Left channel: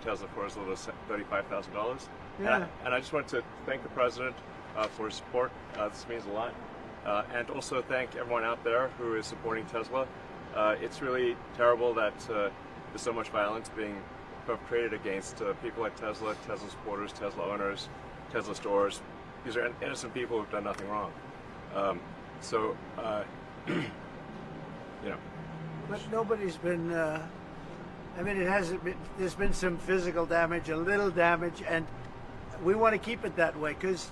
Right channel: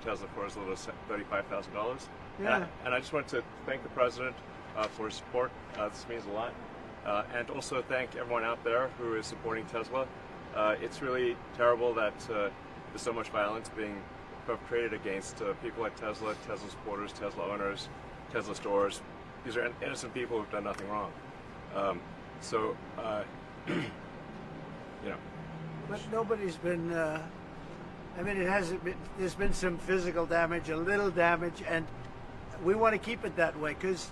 Tesla for as little as $35,000. Yeah. And I just want to thank the president for his support. This means a lot. And also thank everyone out there who is supporting Tesla. It's really terrible that there's so much violence being perpetrated against people like Tesla, Tesla supporters, Tesla owners, Tesla stores. These are innocent people who've done nothing wrong. Yeah. But nobody's been, I mean, there's been some physical damage, a little damage, and we want to keep it that way because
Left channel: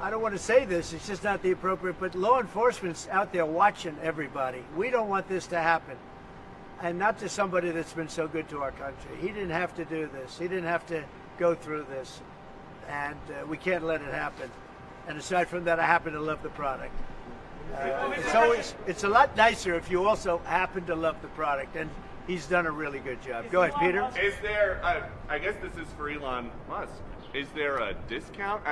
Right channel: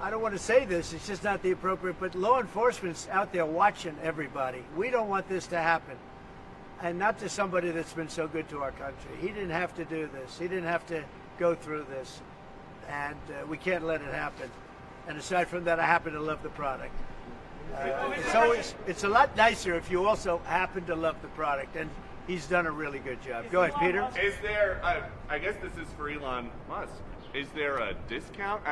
I don't want to say this, it's just not the appropriate, but law enforcement's out there watching everybody. We don't want this to happen. And not to somebody that's been so good to our country. He didn't have to do this. He didn't have to go through this. And we can't let it happen. And aside from that, I happen to love the product. It's a lot nicer if you also happen to love the product. And he's done a really good job. Go ahead, Peter. Is there, I guess this is for Elon Musk, is there a discount?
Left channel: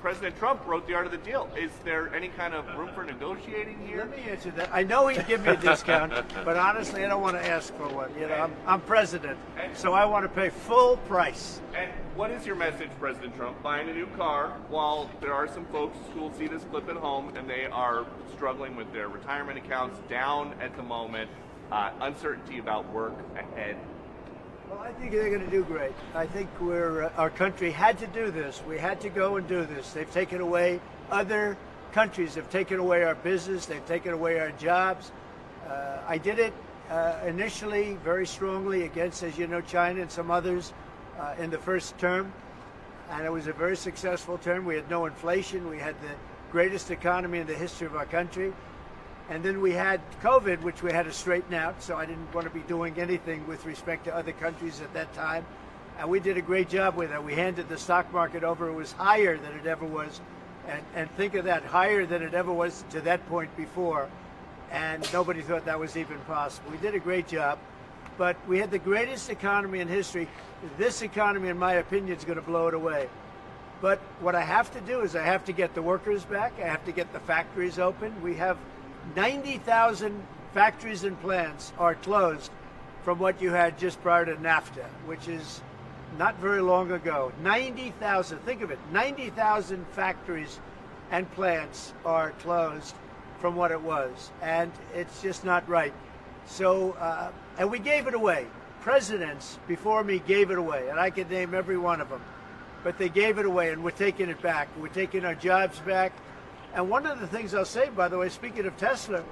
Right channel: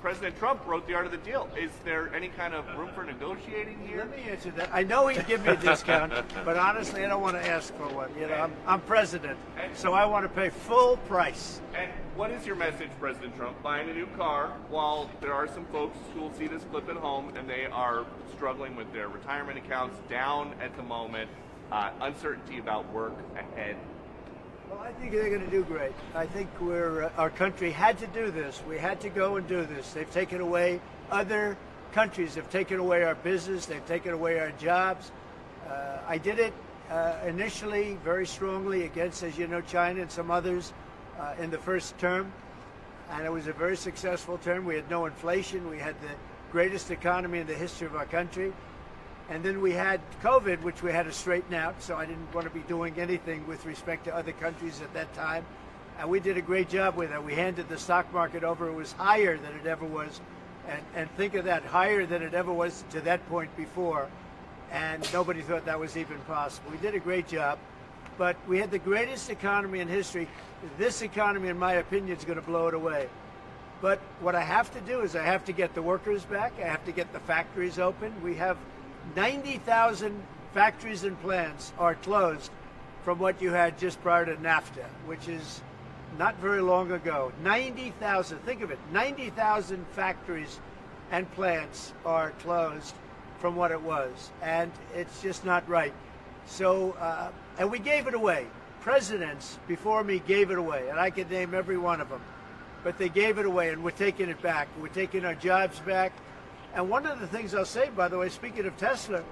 President Trump wrote the art of the deal. Is there any kind of room for negotiating here? Let me answer that. I know he'd give me a discount, but honestly, I don't want to ask for one. You know, I'm president, so I want to pay full price. And what is your message, President Trump? Buying a new car, while there are some folks who will see this clip at home and they are struggling with their retirement accounts down at the moment, uncertainty about work ahead. Well, I think they're going to do great. I think our country had to do this. We had to go and do this. They've taken away, other countries have taken away our business. They've taken away our jobs. I did it initially very strongly against, as you know, China and some others in the first term. And it was a very successful term. We had no inflation. We had the greatest economy in the history of our country. And then we had COVID, which we had to straighten out, so I didn't want to be doing anything with respect to other countries at that time. And we did a great job with it. We handed the stock market over. It was higher than it ever was. And think of that, higher than it ever was to that point before. And nobody thought that was even possible. We did a great job. But we had the greatest economy in history. This economy, in my opinion, is going to blow it away. But what I have to do is I have to get the workers back. I have to get the factories open. We have 90,000 factories and plants are closed from what you had just prior to NAFTA, which is not very long ago. 90,000, think of it, 90,000 factories and plants are closed from what it was, and it's just not right. So, and we gave it away. Presidents before me gave it away, and I could name every one of them, but they gave it away, and we're taking it back. We're taking our jobs back. And one of the things I'll say, by the way, speaking of Tesla,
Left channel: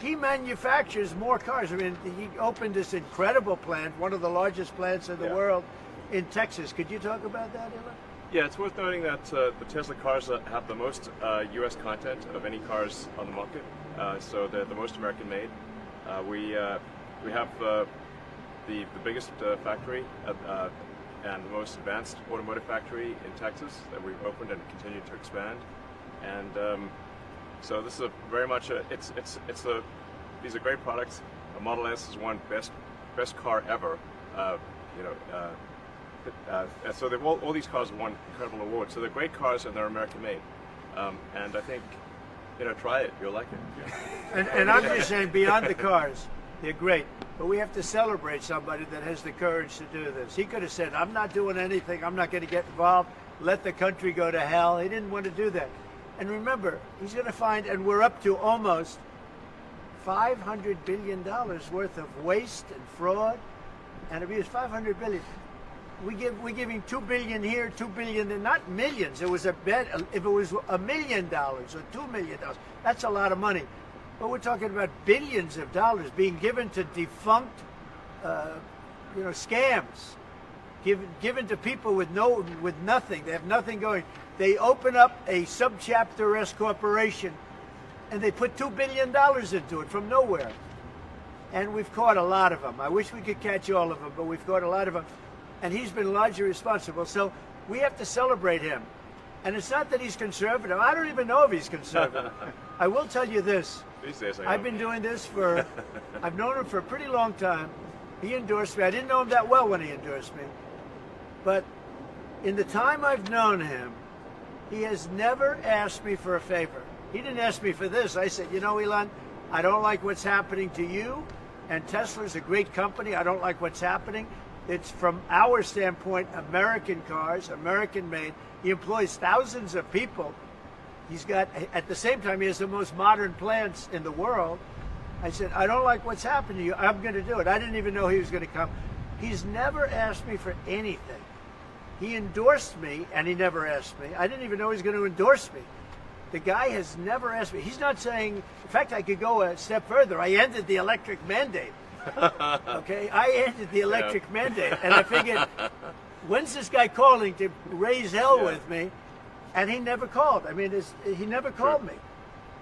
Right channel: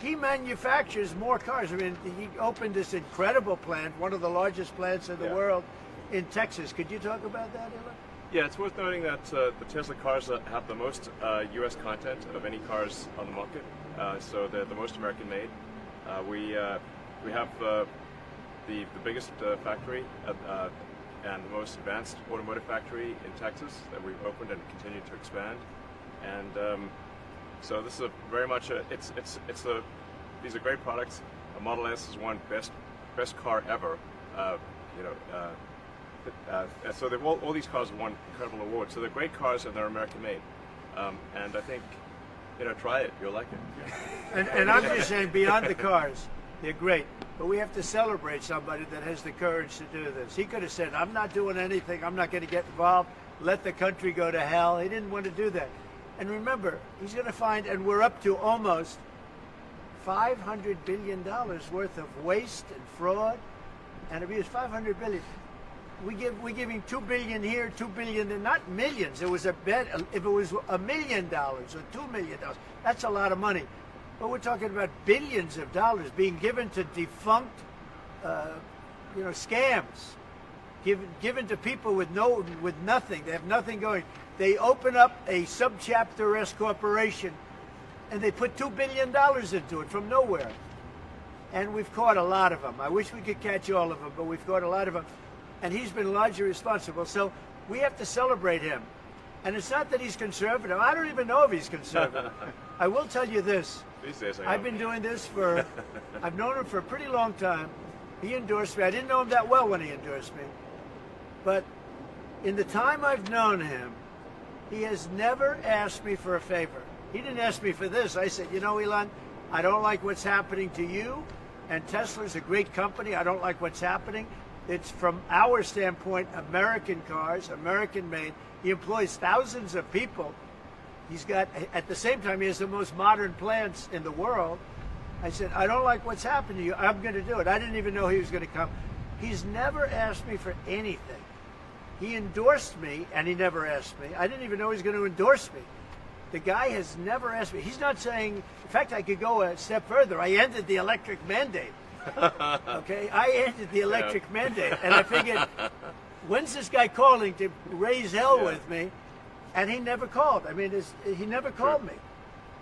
he manufactures more cars. I mean, he opened this incredible plant, one of the largest plants in the world, in Texas. Could you talk about that, Ella? Yeah, it's worth noting that the Tesla cars that have the most U.S. content of any cars on the market, so they're the most American made. We have the biggest factory and the most advanced automotive factory in Texas that we've opened and continue to expand. And so this is very much these are great products. A Model S is one best car ever. So they've all these cars have won incredible awards. So they're great cars and they're American made. And I think, try it. You'll like it. And I'm just saying, beyond the cars, they're great. But we have to celebrate somebody that has the courage to do this. He could have said, I'm not doing anything. I'm not going to get involved. Let the country go to hell. He didn't want to do that. And remember, he's going to find, and we're up to almost $500 billion worth of waste and fraud and abuse. $500 billion. We're giving $2 billion here, $2 billion there, not millions. It was a bet. If it was $1 million or $2 million, that's a lot of money. But we're talking about billions of dollars being given to defunct, scams, given to people with nothing. They have nothing going. They open up a subchapter S corporation, and they put $2 billion into it from nowhere. And we've caught a lot of them. I wish we could catch all of them, but we've caught a lot of them. And he's been largely responsible. So we have to celebrate him. And it's not that he's conservative. I don't even know if he's conservative. I will tell you this. These days, I've been doing this I've known him for a pretty long time. He endorsed me. I didn't know him that well when he endorsed me. But in the time I've known him, he has never asked me for a favor. He didn't ask me for this. I said, Elon, I don't like what's happening to you, and Tesla's a great company. I don't like what's happening. It's from our standpoint, American cars, American made. He employs thousands of people. He's got, at the same time, he has the most modern plants in the world. I said, I don't like what's happened to you. I'm going to do it. I didn't even know he was going to come. He's never asked me for anything. He endorsed me, and he never asked me. I didn't even know he was going to endorse me. The guy has never asked me. He's not saying, in fact, I could go a step further. I ended the electric mandate. Okay, I ended the electric mandate, and I figured, when's this guy calling to raise hell with me? And he never called. I mean, he never called me.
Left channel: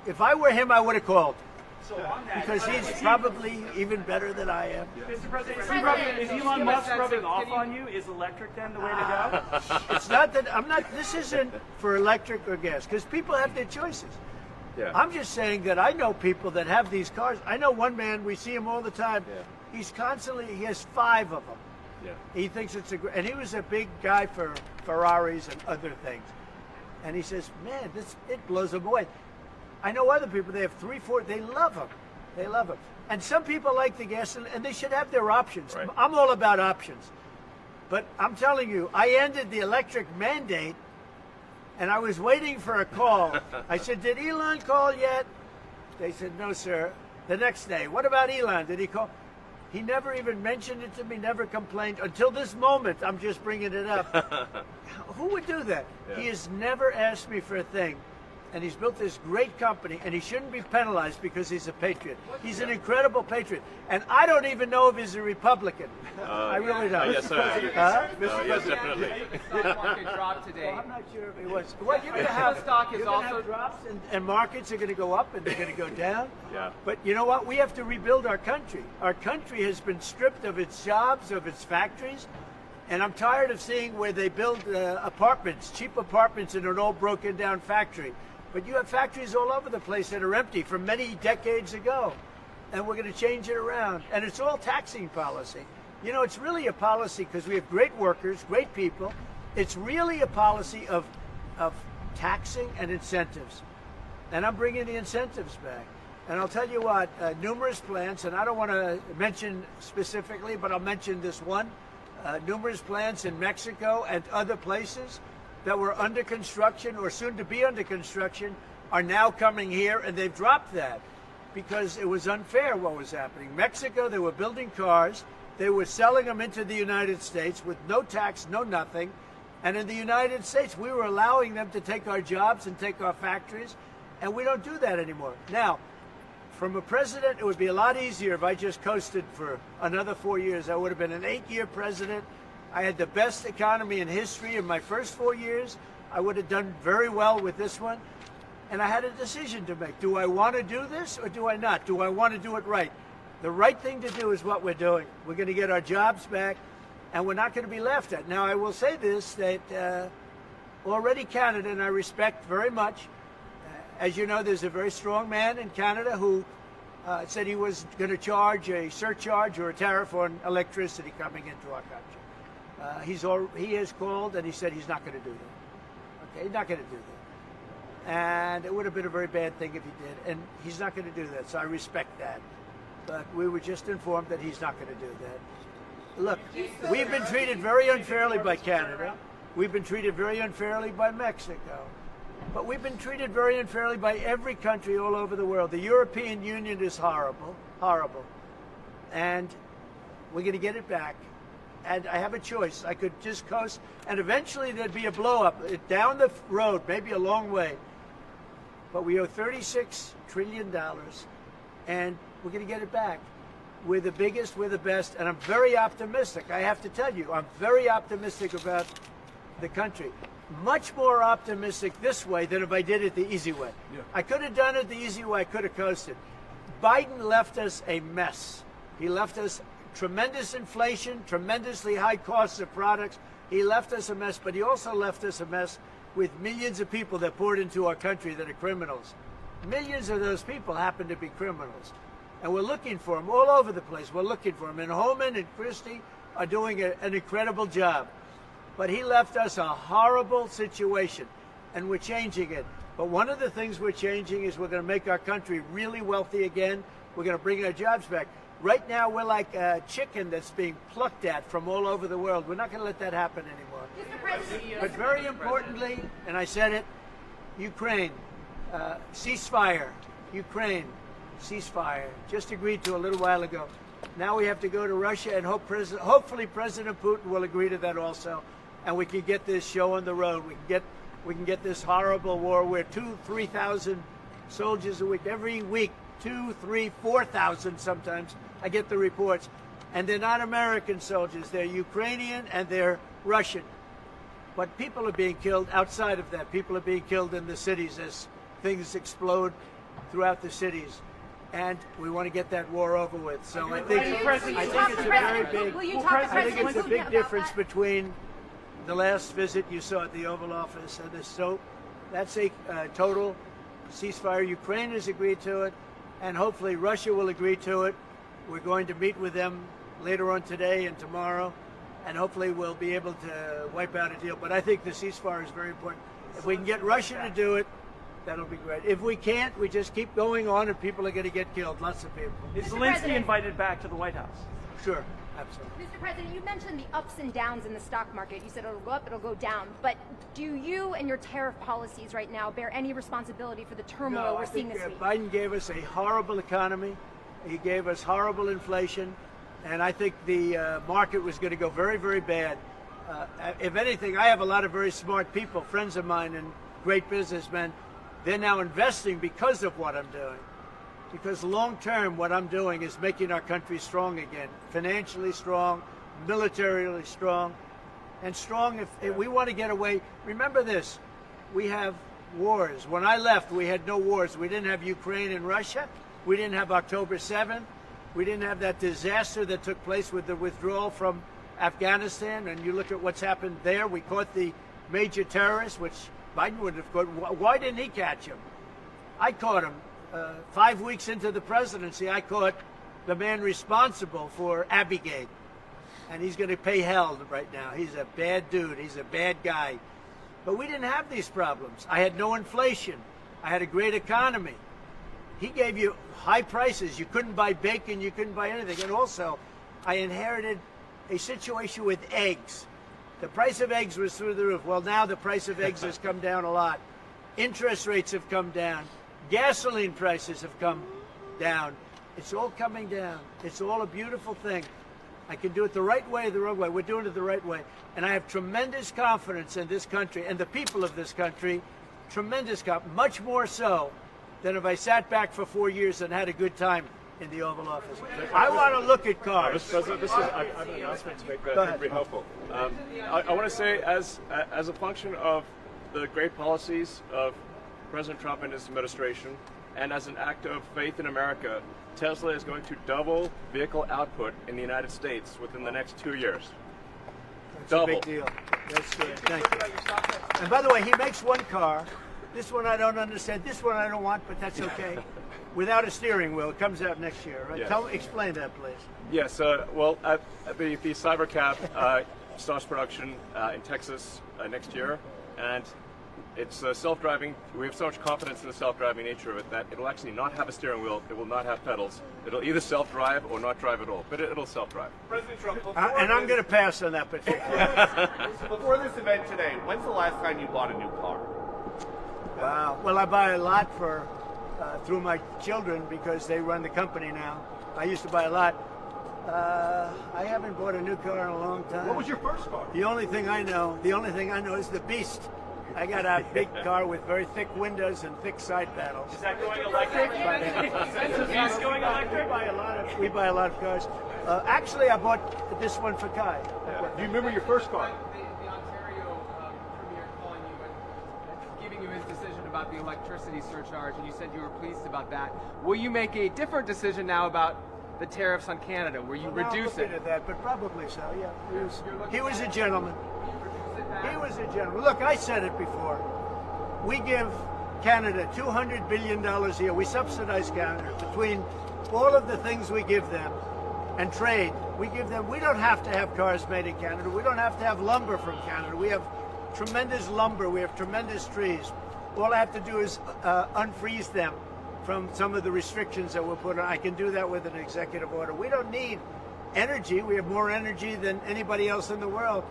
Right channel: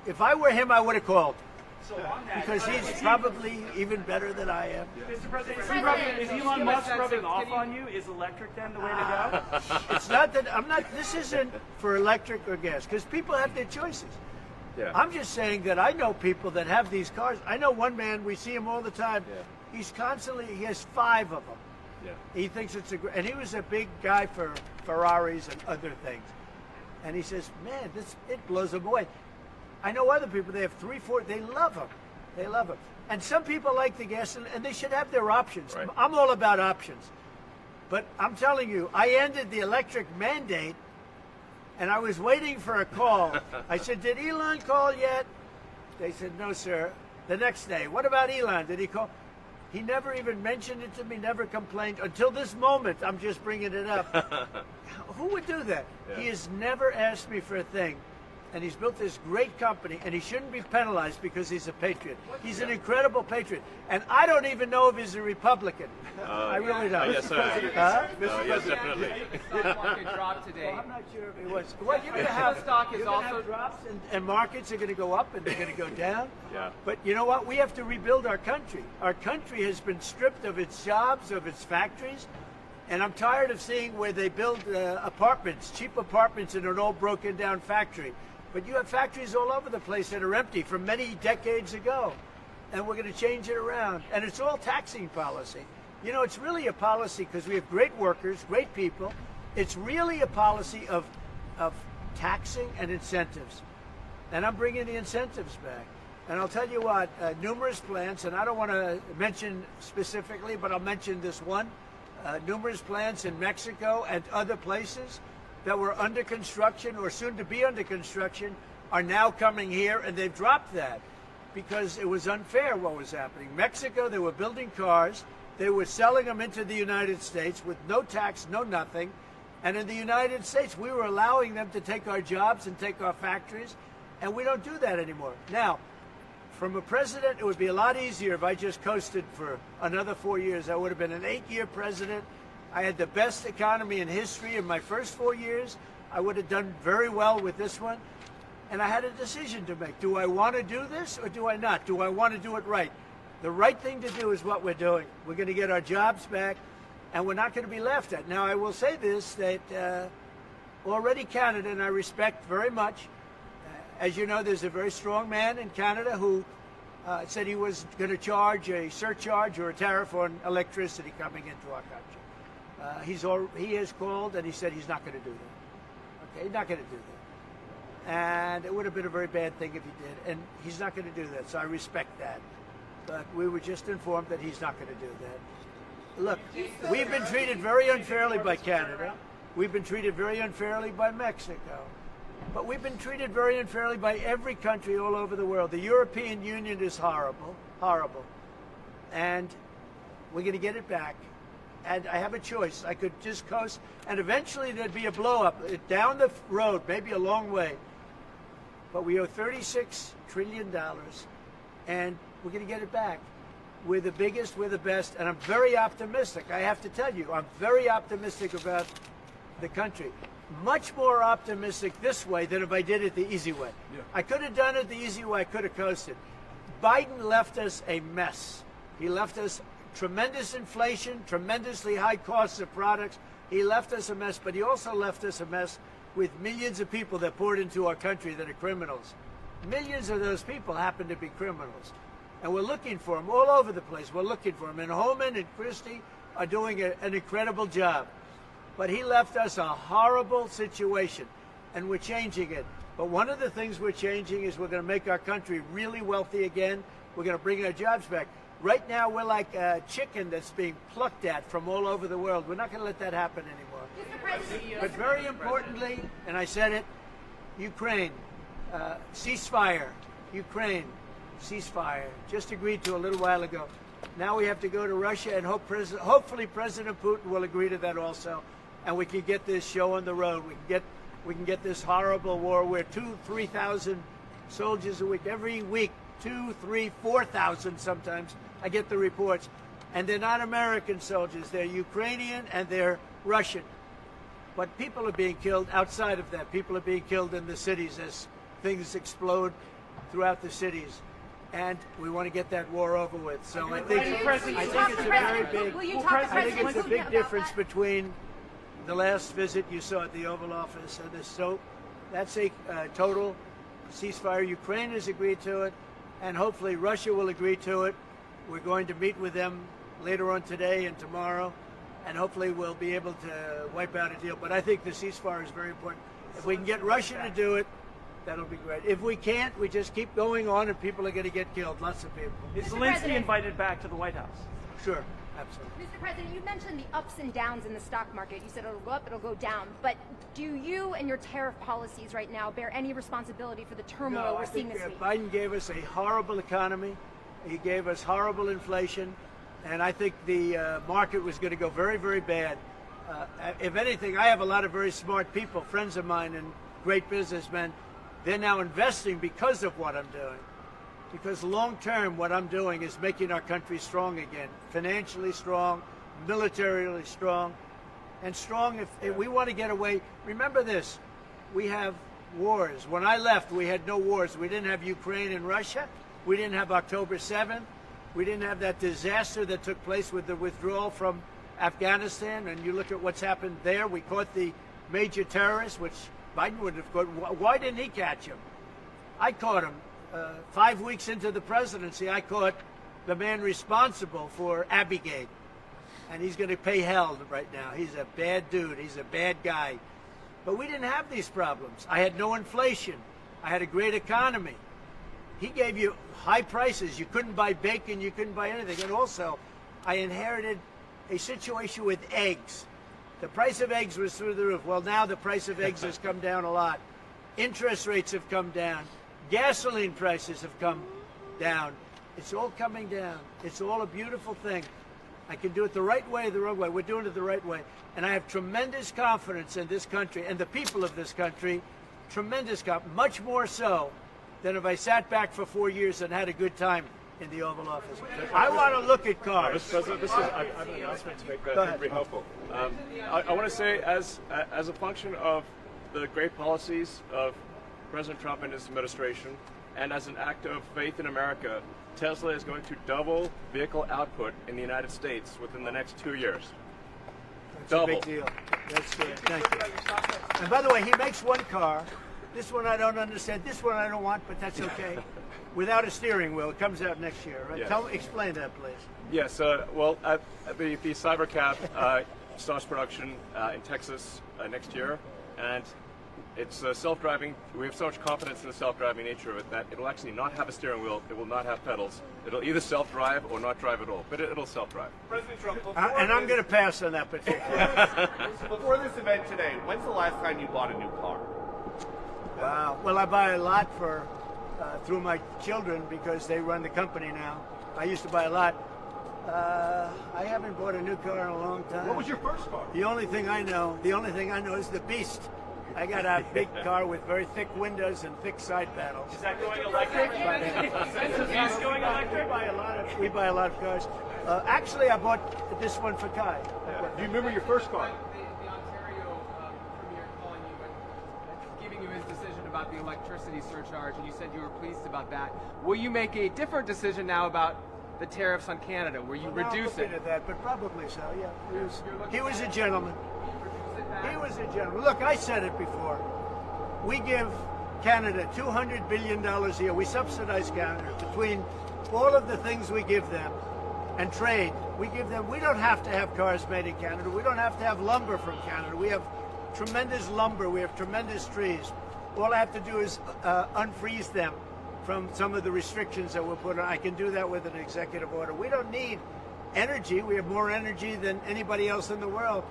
If I were him, I would have called. So on that, Because he's probably even better than I am. Mr. President, is Elon Musk rubbing off on you? Is electric then the way to go? It's not that I'm not. This isn't for electric or gas, because people have their choices. Yeah. I'm just saying that I know people that have these cars. I know one man. We see him all the time. Yeah. He's constantly. He has 5 of them. Yeah. He thinks it's and he was a big guy for Ferraris and other things. And he says, man, it blows him away. I know other people, they have 3, 4, they love them. They love them. And some people like the gas, and they should have their options. Right. I'm all about options. But I'm telling you, I ended the electric mandate, and I was waiting for a call. I said, did Elon call yet? They said, no, sir. The next day, what about Elon? Did he call? He never even mentioned it to me, never complained. Until this moment, I'm just bringing it up. Who would do that? Yeah. He has never asked me for a thing. And he's built this great company, and he shouldn't be penalized because he's a patriot. He's an incredible patriot. And I don't even know if he's a Republican. I really don't. Yes, sir. Yes, definitely. Stock market dropped today. Well, I'm not sure if he was. Well, you're going to have Stock is you're gonna also have drops, and markets are going to go up and they're going to go down. Yeah. But you know what? We have to rebuild our country. Our country has been stripped of its jobs, of its factories. And I'm tired of seeing where they build apartments, cheap apartments in an old broken down factory. But you have factories all over the place that are empty from many decades ago. And we're going to change it around. And it's all taxing policy. You know, it's really a policy because we have great workers, great people. It's really a policy of taxing and incentives. And I'm bringing the incentives back. And I'll tell you what, numerous plants, and I don't want to mention specifically, but I'll mention this one. Numerous plants in Mexico and other places that were under construction or soon to be under construction are now coming here, and they've dropped that because it was unfair what was happening. Mexico, they were building cars, they were selling them into the United States with no tax, no nothing, and in the United States we were allowing them to take our jobs and take our factories, and we don't do that anymore. Now, from a president, it would be a lot easier if I just coasted for another 4 years. I would have been an 8-year president. I had the best economy in history in my first 4 years. I would have done very well with this one. And I had a decision to make. Do I want to do this or do I not? Do I want to do it right? The right thing to do is what we're doing. We're going to get our jobs back, and we're not going to be laughed at. Now, I will say this, that already Canada, and I respect very much, as you know, there's a very strong man in Canada who said he was going to charge a surcharge or a tariff on electricity coming into our country. He has called and he said he's not going to do that. Okay, he's not going to do that. And it would have been a very bad thing if he did. And he's not going to do that, so I respect that. But we were just informed that he's not going to do that. Look, we've been treated very unfairly by Canada. We've been treated very unfairly by Mexico. But we've been treated very unfairly by every country all over the world. The European Union is horrible, horrible. And we're going to get it back. And I have a choice. I could just coast, and eventually there'd be a blow-up down the road, maybe a long way. But we owe $36 trillion, and we're going to get it back. We're the biggest, we're the best, and I'm very optimistic. I have to tell you, I'm very optimistic about the country. Much more optimistic this way than if I did it the easy way. Yeah. I could have done it the easy way. I could have coasted. Biden left us a mess. He left us tremendous inflation, tremendously high costs of products. He left us a mess, but he also left us a mess with millions of people that poured into our country that are criminals. Millions of those people happen to be criminals. And we're looking for them all over the place. We're looking for them. And Holman and Christie are doing an incredible job. But he left us a horrible situation, and we're changing it. But one of the things we're changing is we're going to make our country really wealthy again. We're going to bring our jobs back. Right now, we're like a chicken that's being plucked at from all over the world. We're not going to let that happen anymore. But very importantly, and I said it, Ukraine, ceasefire. Ukraine, ceasefire. Just agreed to a little while ago. Now we have to go to Russia, and hopefully President Putin will agree to that also, and we can get this show on the road. We can get this horrible war where 2,000-3,000 soldiers a week, every week, 2,000, 3,000, 4,000 sometimes. I get the reports, and they're not American soldiers. They're Ukrainian and they're Russian. But people are being killed outside of that. People are being killed in the cities as things explode throughout the cities. And we want to get that war over with. So I think it's a big difference between the last visit you saw at the Oval Office and this. So that's a total ceasefire. Ukraine has agreed to it, and hopefully Russia will agree to it. We're going to meet with them later on today and tomorrow, and hopefully we'll be able to wipe out a deal. But I think the ceasefire is very important. If we can get Russia to do it, that'll be great. If we can't, we just keep going on, and people are going to get killed. Lots of people. Is Zelensky invited back to the White House? Sure, absolutely. Mr. President, you mentioned the ups and downs in the stock market. You said it'll go up, it'll go down. But do you and your tariff policies right now bear any responsibility for the turmoil we're seeing this week? Biden gave us a horrible economy. He gave us horrible inflation. And I think the market was going to go very, very bad. If anything, I have a lot of very smart people, friends of mine and great businessmen. They're now investing because of what I'm doing. Because long term, what I'm doing is making our country strong again. Financially strong, militarily strong, and strong if we want to get away. Remember this, we have wars. When I left, we had no wars. We didn't have Ukraine and Russia. We didn't have October 7th. We didn't have that disaster that took place with the withdrawal from Afghanistan. And you look at what's happened there. We caught the major terrorist, which Biden would have caught. Why didn't he catch him? I caught him. 5 weeks into the presidency, I caught the man responsible for Abigate. And he's going to pay hell right now. He's a bad dude. He's a bad guy. But we didn't have these problems. I had no inflation. I had a great economy. He gave you high prices. You couldn't buy bacon. You couldn't buy anything. And also, I inherited a situation with eggs. The price of eggs was through the roof. Well, now the price of eggs has come down a lot. Interest rates have come down. Gasoline prices have come down. It's all coming down. It's all a beautiful thing. I can do it the right way or the wrong way. We're doing it the right way. And I have tremendous confidence in this country and the people of this country. Tremendous confidence. Much more so than if I sat back for 4 years and had a good time in the Oval Office. I want to look at cars. Mr. President, I have an announcement to make that I think will be helpful. I want to say, as a function of the great policies of President Trump and his administration, and as an act of faith in America, Tesla is going to double vehicle output in the United States within the next 2 years. That's Double. a big deal. That's thank you. And by the way, he makes one car. This one I don't understand. This one I don't want, but that's okay. Without a steering wheel, it comes out next year, right? Yes. Explain that, please. Yes. Well, the Cybercab starts production in Texas next year, and it's self-driving. We have so much confidence in the self-driving nature of it that it'll actually not have a steering wheel. It will not have pedals. It'll either self-drive or not drive at all, but it'll self-drive. President Trump, And I'm going to pass on that particular. before this event today, when's the last time you bought a new car? Wow. Well, I buy a lot through my children because they run the company now. I used to buy a lot. I haven't bought a new car in a long time. What was your first car? The only thing I know is the Beast. I got a big car with very thick windows and thick side panels. Is that going electric? Is going electric? We buy a lot of cars. Actually, I bought this one for Kai. Do you remember your first car? Giving you his decision about the electricity surcharge, and you said you were pleased about that. Will you make a different decision now about the tariffs on Canada? Will you reduce it? At that, but probably so. Yeah, he was a gentleman. He was a gentleman. Look, I said it before. We give Canada $200 billion a year. We subsidize Canada between all of the things we give them and trade. We don't have to have cars made in Canada. We don't have to have lumber from Canada. We have tremendous lumber. We have tremendous trees. All I have to do is unfreeze them from some of the restrictions that were put on. I can do that with an executive order. We don't need energy. We have more energy than anybody else in the world.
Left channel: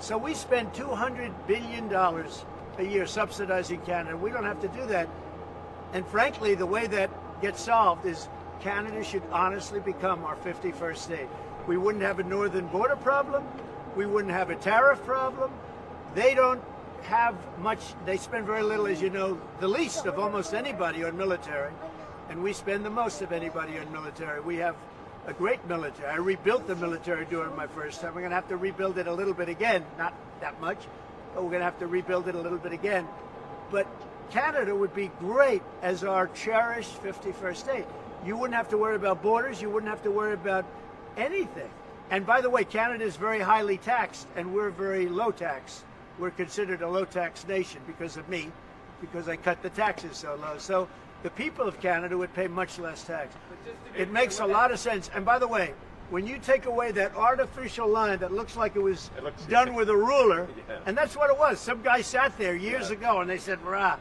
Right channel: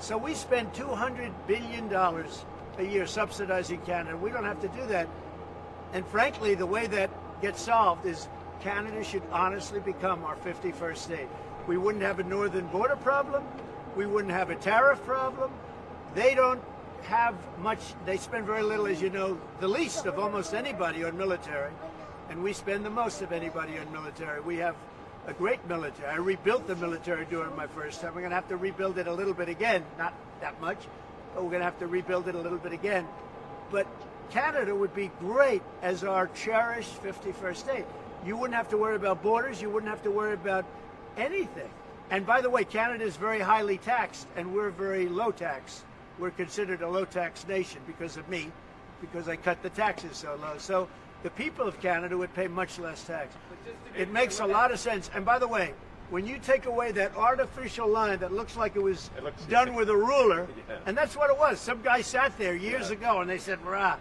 So we spend $200 billion a year subsidizing Canada. We don't have to do that. And frankly, the way that gets solved is Canada should honestly become our 51st state. We wouldn't have a northern border problem. We wouldn't have a tariff problem. They don't have much, they spend very little, as you know, the least of almost anybody on military. And we spend the most of anybody on military. We have a great military. I rebuilt the military during my first time. We're going to have to rebuild it a little bit again. Not that much, but we're going to have to rebuild it a little bit again. But Canada would be great as our cherished 51st state. You wouldn't have to worry about borders. You wouldn't have to worry about anything. And by the way, Canada is very highly taxed, and we're very low tax. We're considered a low tax nation because of me, because I cut the taxes so low. So the people of Canada would pay much less tax. It makes a lot of sense. And by the way, when you take away that artificial line that looks like it was done with a ruler, and that's what it was. Some guy sat there years ago and they said, "Rah."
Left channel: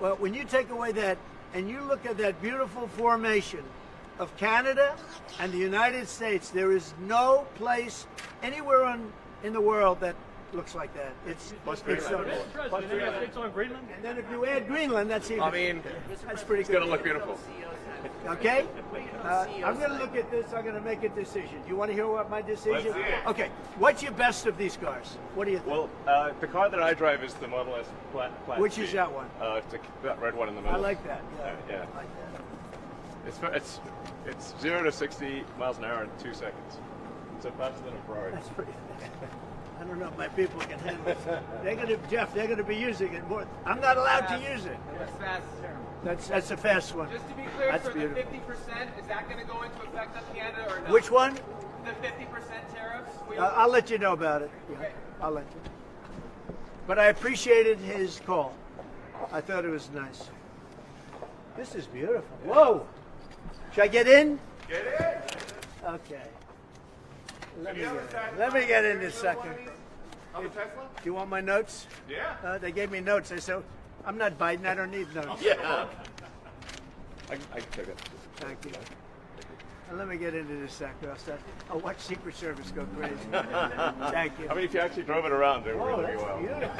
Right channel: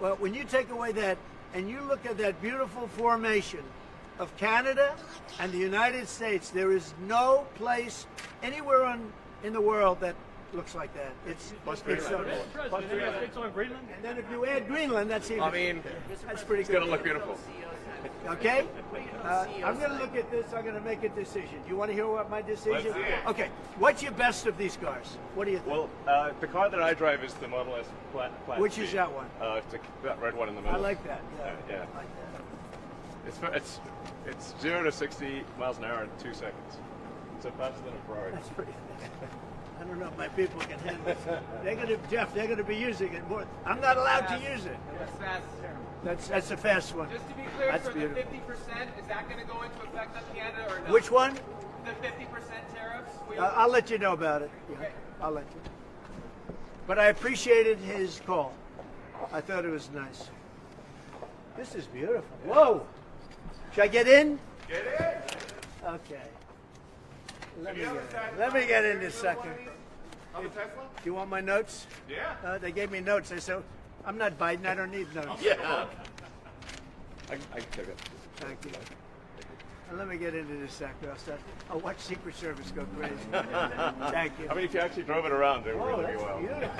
Well, when you take away that and you look at that beautiful formation of Canada and the United States, there is no place anywhere in the world that looks like that. It's so Greenland? And then if you add Greenland, that's even. That's pretty good. It's gonna look beautiful. Okay? I'm going to look at this. I'm going to make a decision. Do you want to hear what my decision? Okay. What's your best of these cars? What do you think? Well, the car that I drive is the Model S Plaid. Which is that one? It's that red one in the middle. I like that. Yeah. Yeah. I like that. It's 0 to 60 miles an hour in 2 seconds. It's faster than a Ferrari. That's pretty. I don't know if my people can handle it. They're going to be using it more. I'm not allowed to use it. That's fast. That's a fast one. Just to be clear, That's so the beautiful. 50%, is that going to go into effect on Canada or not? Which one? The 50% tariffs? I'll let you know about it. Yeah, I'll let you. But I appreciated his call. I thought it was nice. This is beautiful. Whoa! Should I get in? Get in. Okay. Let me get in this second. On the Tesla? Do you want my notes? Yeah. They gave me notes. I said, I'm not Biden. I don't need notes. Yeah. I can take it. Thank you. Let me get into this second. I'll watch Secret Service go crazy. Thank you. I mean, if you actually drove it around, it Whoa, would that's be well. beautiful.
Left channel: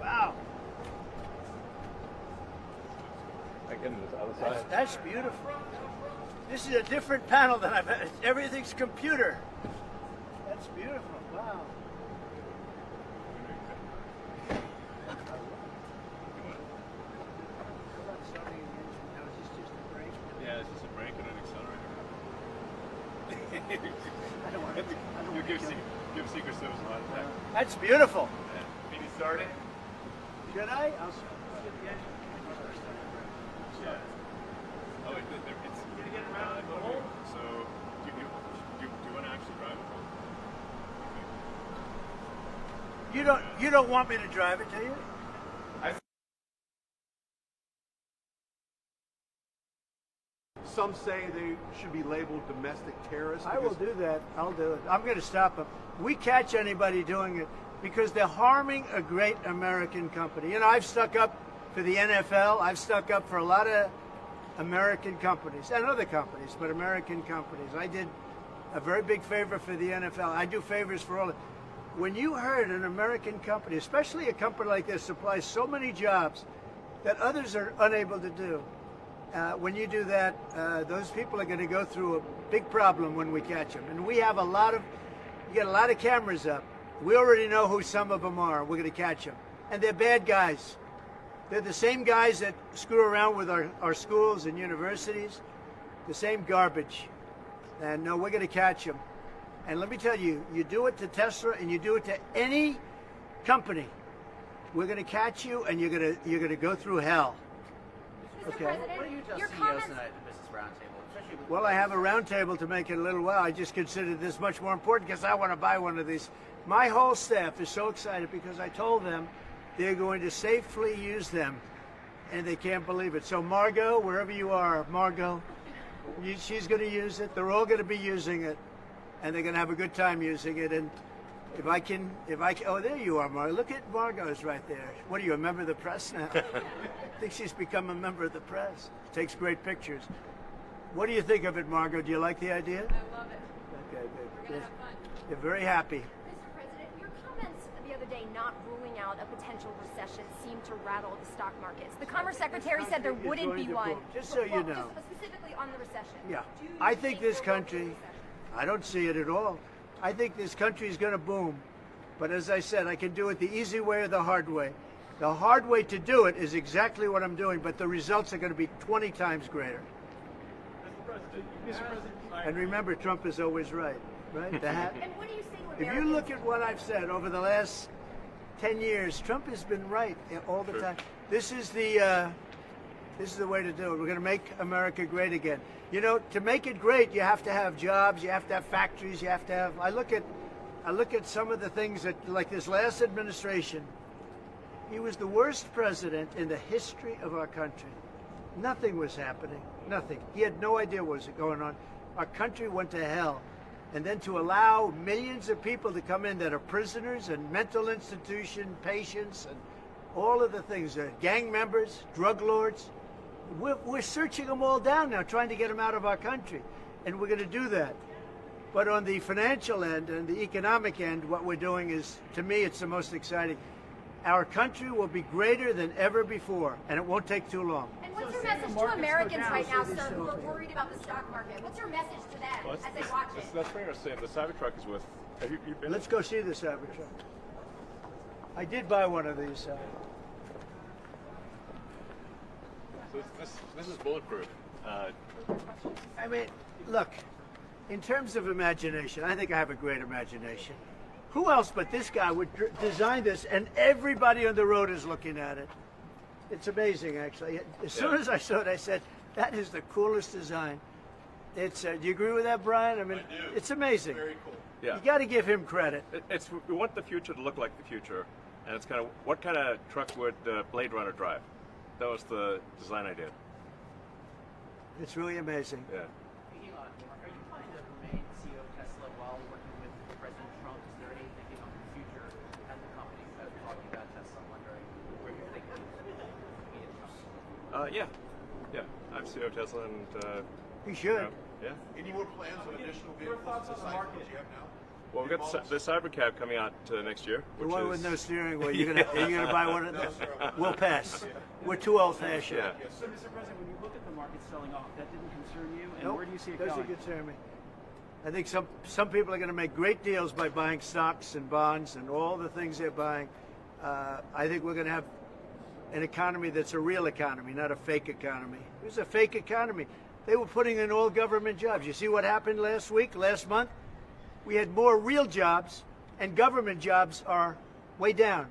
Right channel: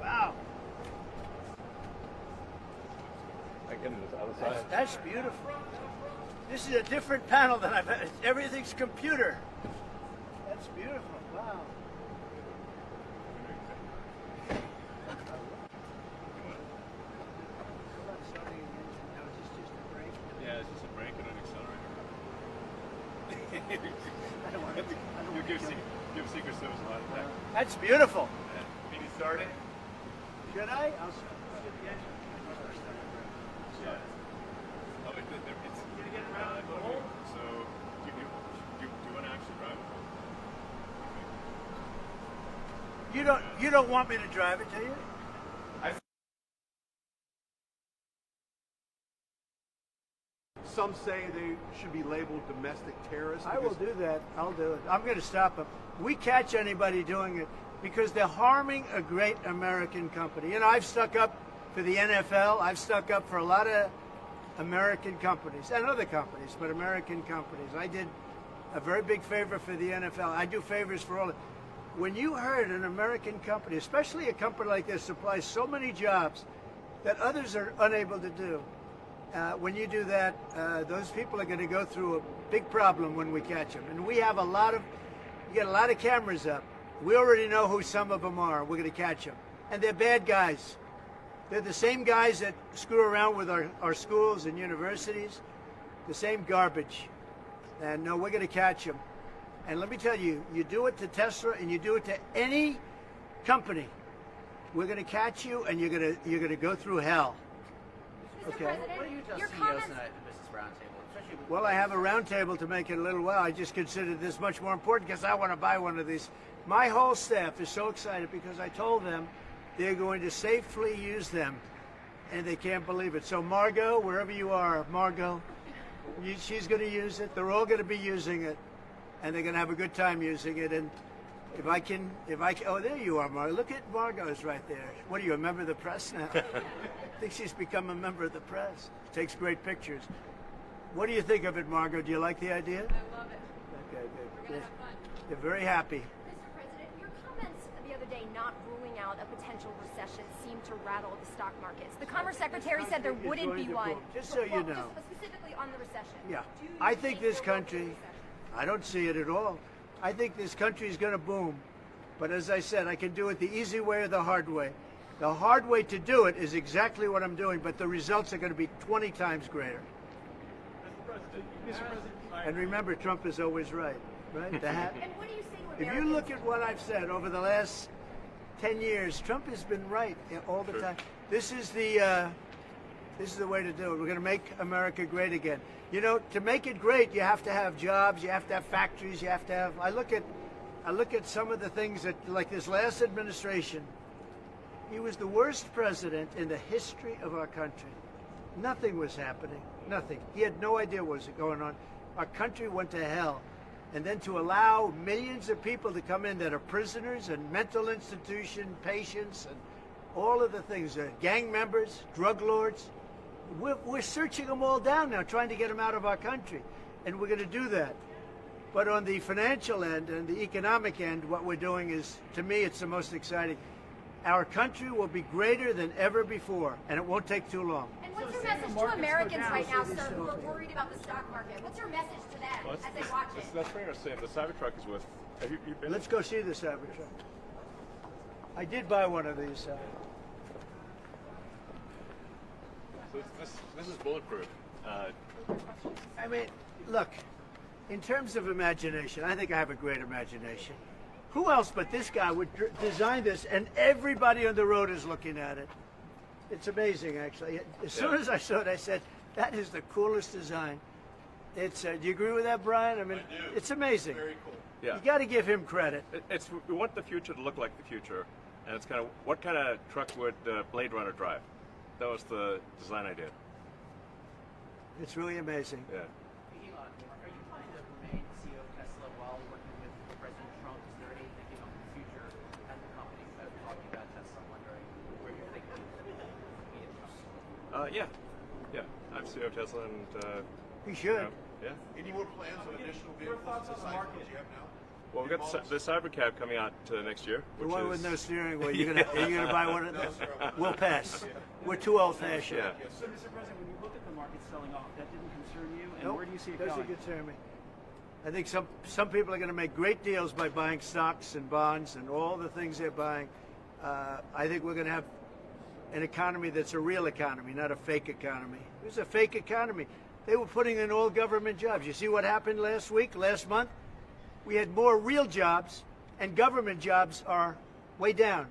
Wow. I get into the other side. That's beautiful. This is a different panel than I've had. Everything's computer. That's beautiful. Wow. Yeah, it's just a brake and an accelerator. I don't want to. You give Secret Service a lot of that. That's beautiful. Can you start it? Should I? I'll start. I like the difference. You're getting around the hole, so do you want to actually drive it? You don't want me to drive it, do you? Some say they should be labeled domestic terrorists. I will do that. I'll do it. I'm going to stop them. We catch anybody doing it because they're harming a great American company. You know, I've stuck up for the NFL. I've stuck up for a lot of American companies and other companies, but American companies. I did a very big favor for the NFL. I do favors for all. When you heard an American company, especially a company like this, supplies so many jobs that others are unable to do, when you do that, those people are going to go through a big problem when we catch them. And we have you get a lot of cameras up. We already know who some of them are. We're going to catch them. And they're bad guys. They're the same guys that screw around with our schools and universities, the same garbage. And no, we're going to catch them. And let me tell you, you do it to Tesla and you do it to any company, we're going to catch you and you're going to go through hell. Okay. Your comments. Well, I have a round table to make it a little well. I just consider this much more important because I want to buy one of these. My whole staff is so excited because I told them they're going to safely use them, and they can't believe it. So Margot, wherever you are, Margot, she's going to use it. They're all going to be using it, and they're going to have a good time using it. And Oh, there you are, Margo. Look at Margo's right there. What are you, a member of the press now? I think she's become a member of the press. Takes great pictures. What do you think of it, Margo? Do you like the idea? I love it. Okay, good. They're very happy. Mr. President, your comments the other day not ruling out a potential recession seemed to rattle the stock markets. The Commerce Secretary said there wouldn't be one. Just so you know. Just specifically on the recession. Yeah. I think this country, I don't see it at all. I think this country is going to boom. But as I said, I can do it the easy way or the hard way. The hard way to do it is exactly what I'm doing, but the results are going to be 20 times greater. And remember, Trump is always right, right? And what do you say If you look at what I've said over the last 10 years, Trump has been right all the time. This is the way to do it. We're going to make America great again. You know, to make it great, you have to have jobs, you have to have factories, you have to have. I look at some of the things that, like this last administration. He was the worst president in the history of our country. Nothing was happening. Nothing. He had no idea what was going on. Our country went to hell. And then to allow millions of people to come in that are prisoners and mental institution patients and all of the things, gang members, drug lords, we're searching them all down now, trying to get them out of our country. And we're going to do that. But on the financial end and the economic end, what we're doing is, to me, it's the most exciting. Our country will be greater than ever before, and it won't take too long. And what's your message to Americans right now, sir, who are worried about the stock market? What's your message to them as they watch it? That's very interesting. The Cybertruck is with. Have you been? Let's go see the Cybertruck. I did buy one of these. So this is bulletproof. I mean, look, in terms of imagination, I think I have a great imagination. Who else but this guy would design this, and everybody on the road is looking at it? It's amazing, actually. As soon as I saw it, I said, that is the coolest design. It's. Do you agree with that, Brian? I mean, it's amazing. Very cool. Yeah. You got to give him credit. We want the future to look like the future, and it's kind of what kind of truck would Blade Runner drive? That was the design I did. It's really amazing. Yeah. Are you planning to remain CEO of Tesla while working with President Trump? Is there anything on the future at the company that are talking about Tesla? Wondering where you think Yeah. I'm CEO of Tesla, and He should. yeah. Any more plans on additional vehicles besides what you have now? Well, we've got the Cybercab coming out next year. The Which one is, with no steering wheel. Are you gonna buy one of those? We'll pass. We're too old-fashioned. Yeah. So, Mr. President, when you look at the market selling off, that didn't concern you, and Nope, where do you see it doesn't going? concern me. I think some people are going to make great deals by buying stocks and bonds and all the things they're buying. I think we're going to have an economy that's a real economy, not a fake economy. There's a fake economy. They were putting in all government jobs. You see what happened last month? We had more real jobs, and government jobs are way down.